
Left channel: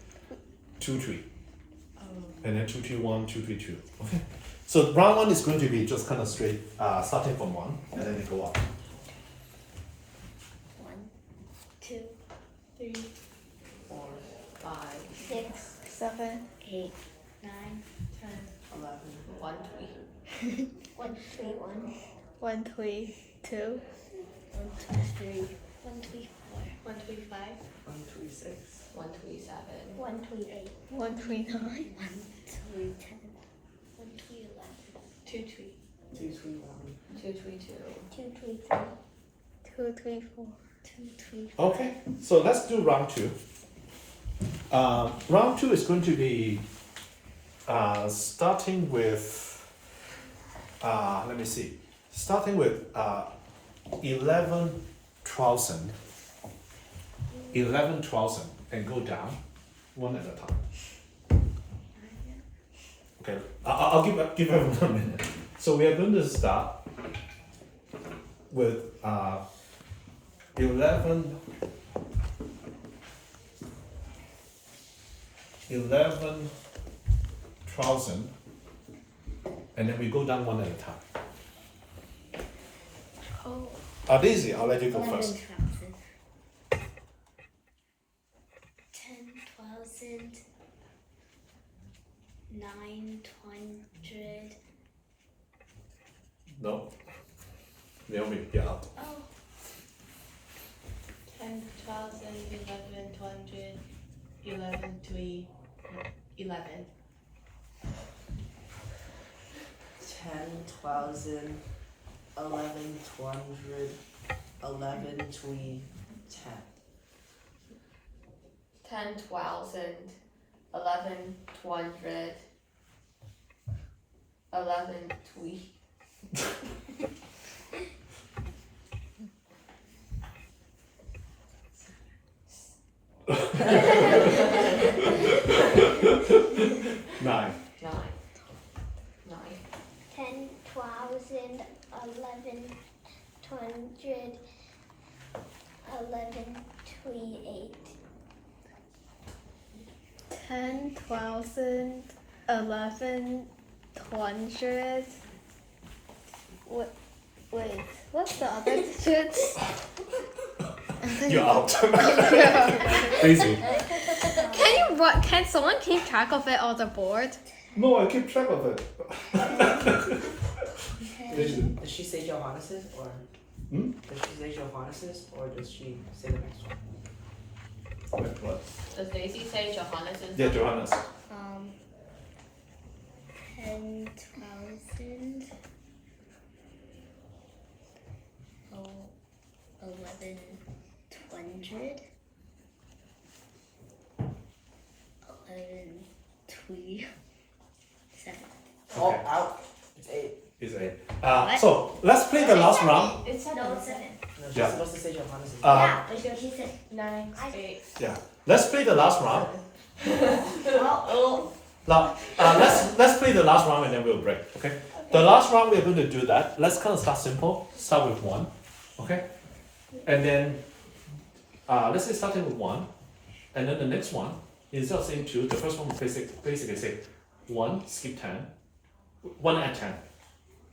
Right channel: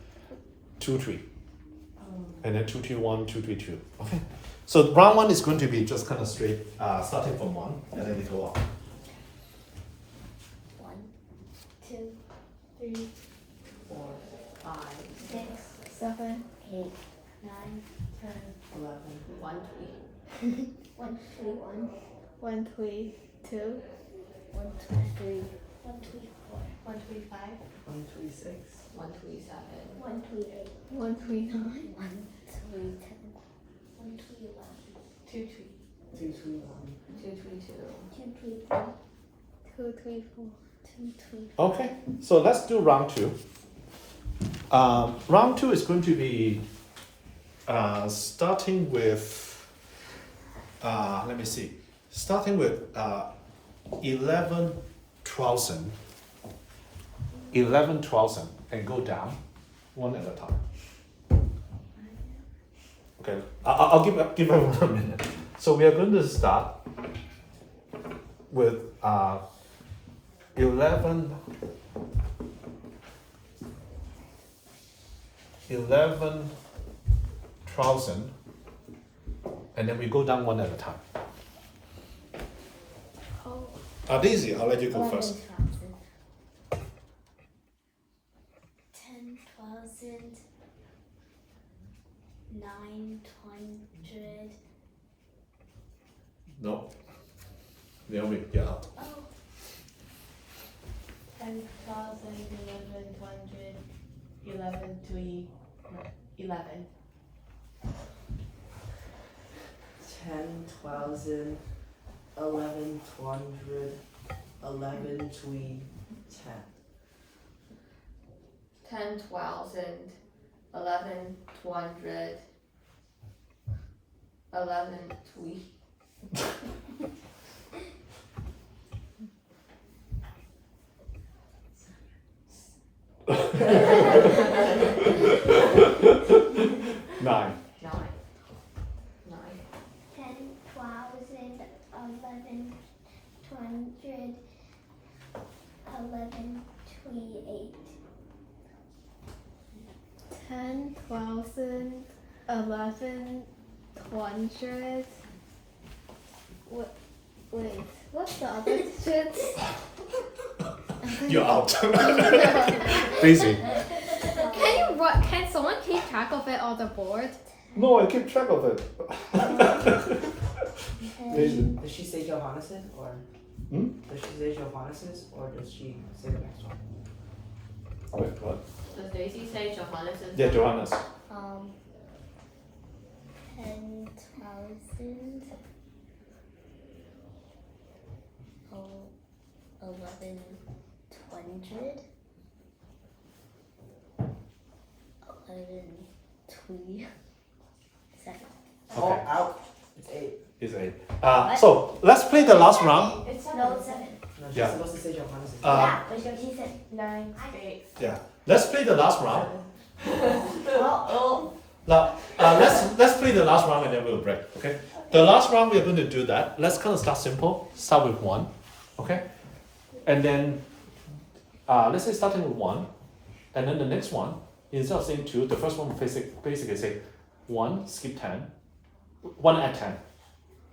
2, 3. And then 2, 3, 1, 2, 3, 2. Okay. So round one is going to be just kind of straight, starting from 1, and then we go up. 1, 2, 3, 4, 5, 6, 7. 8, 9, 10, 11, 1, 1, 3, 1, 1, 3, 2. 1, 3, 4, 1, 3, 5, 1, 3, 6. 1, 3, 7, 1, 3, 8, 1, 3, 9. 1, 3, 10, 1, 3, 11, 2, 3, 2, 3, 1. 2, 3, 2, 2, 3, 3, 2, 3, 4. 2, 3, 4. Okay, so let's do round two. Round two is going to be starting with, let me see, starting with 11,000, and go down one at a time. Okay, I'll give everyone a minute. So we are going to start with 11,000, and then we go down one at a time. Daisy, I'll let you go first. 11,000. 10,000. 900. No. Naomi, you're out. Oh, 10,000, 11,200, 11,3, 11. 10,000, 11,200, 11, 3, 10. 10,000, 11,200, 11,3. Nine. 9. 9. 10,000, 11,200, 11,3, 8. 10,000, 11,200. Wait, what's the other digits? You're out. Daisy. Can someone keep track of it on the board? No, I keep track of it. Does she say Johannes's or? Hmm? Does she say Johannes's or does she say the next one? Wait, what? Does Daisy say Johannes? Yeah, Johannes. 10,000. 11,200. 11,3, 7. Oh, out. It's 8. It's 8. What? So let's play the last round. It's No, it's 7. No, she's Yeah. supposed to say Johannes's. Yeah, but he said. 9, 8. Yeah. Let's play the last round. Oh. Now, let's play the last round and then we'll break. Okay. The last round we are going to do that. Let's kind of start simple. Start with 1. Okay. And then let's say starting with 1, and then the next one, instead of saying 2, the first one will basically say 1, skip 10, 1 add 10.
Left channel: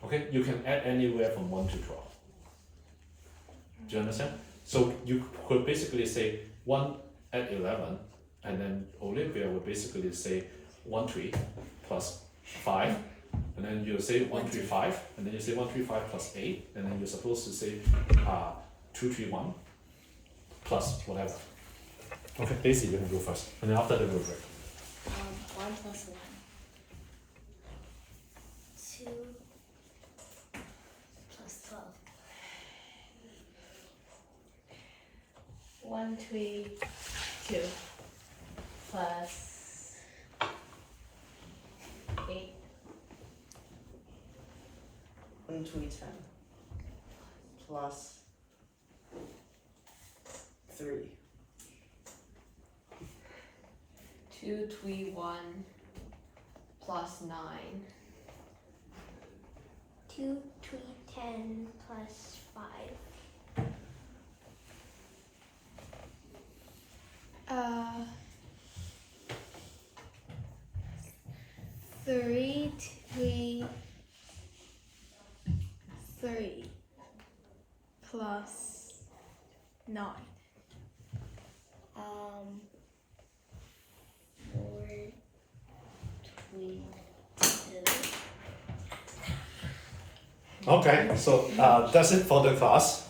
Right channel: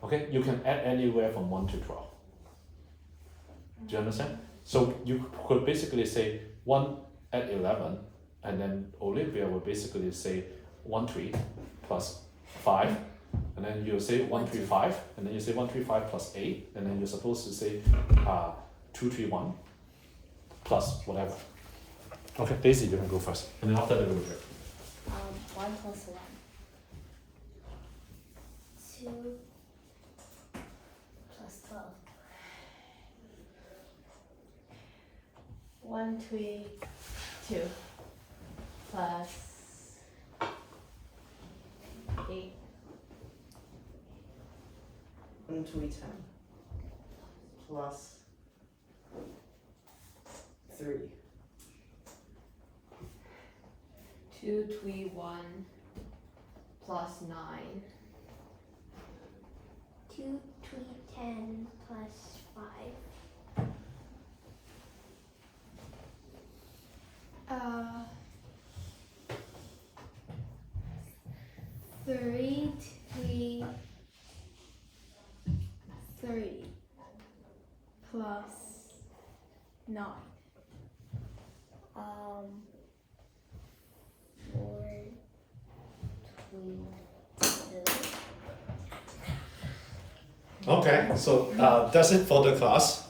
Okay, you can add anywhere from 1 to 12. Do you understand? So you could basically say 1 add 11, and then Olivia will basically say 1 3 plus 5 and then you say 135, and then you say 135 plus 8, and then you're supposed to say 231 plus whatever. Okay, Daisy, you can go first, and then after that we'll break. 1 plus 1. 2 plus 12. 132 plus 8. 110 plus 3. 231 plus 9. 2, 10 plus 5. 3, 3, 3 plus 9. 4, 22. Okay, so that's it for the class.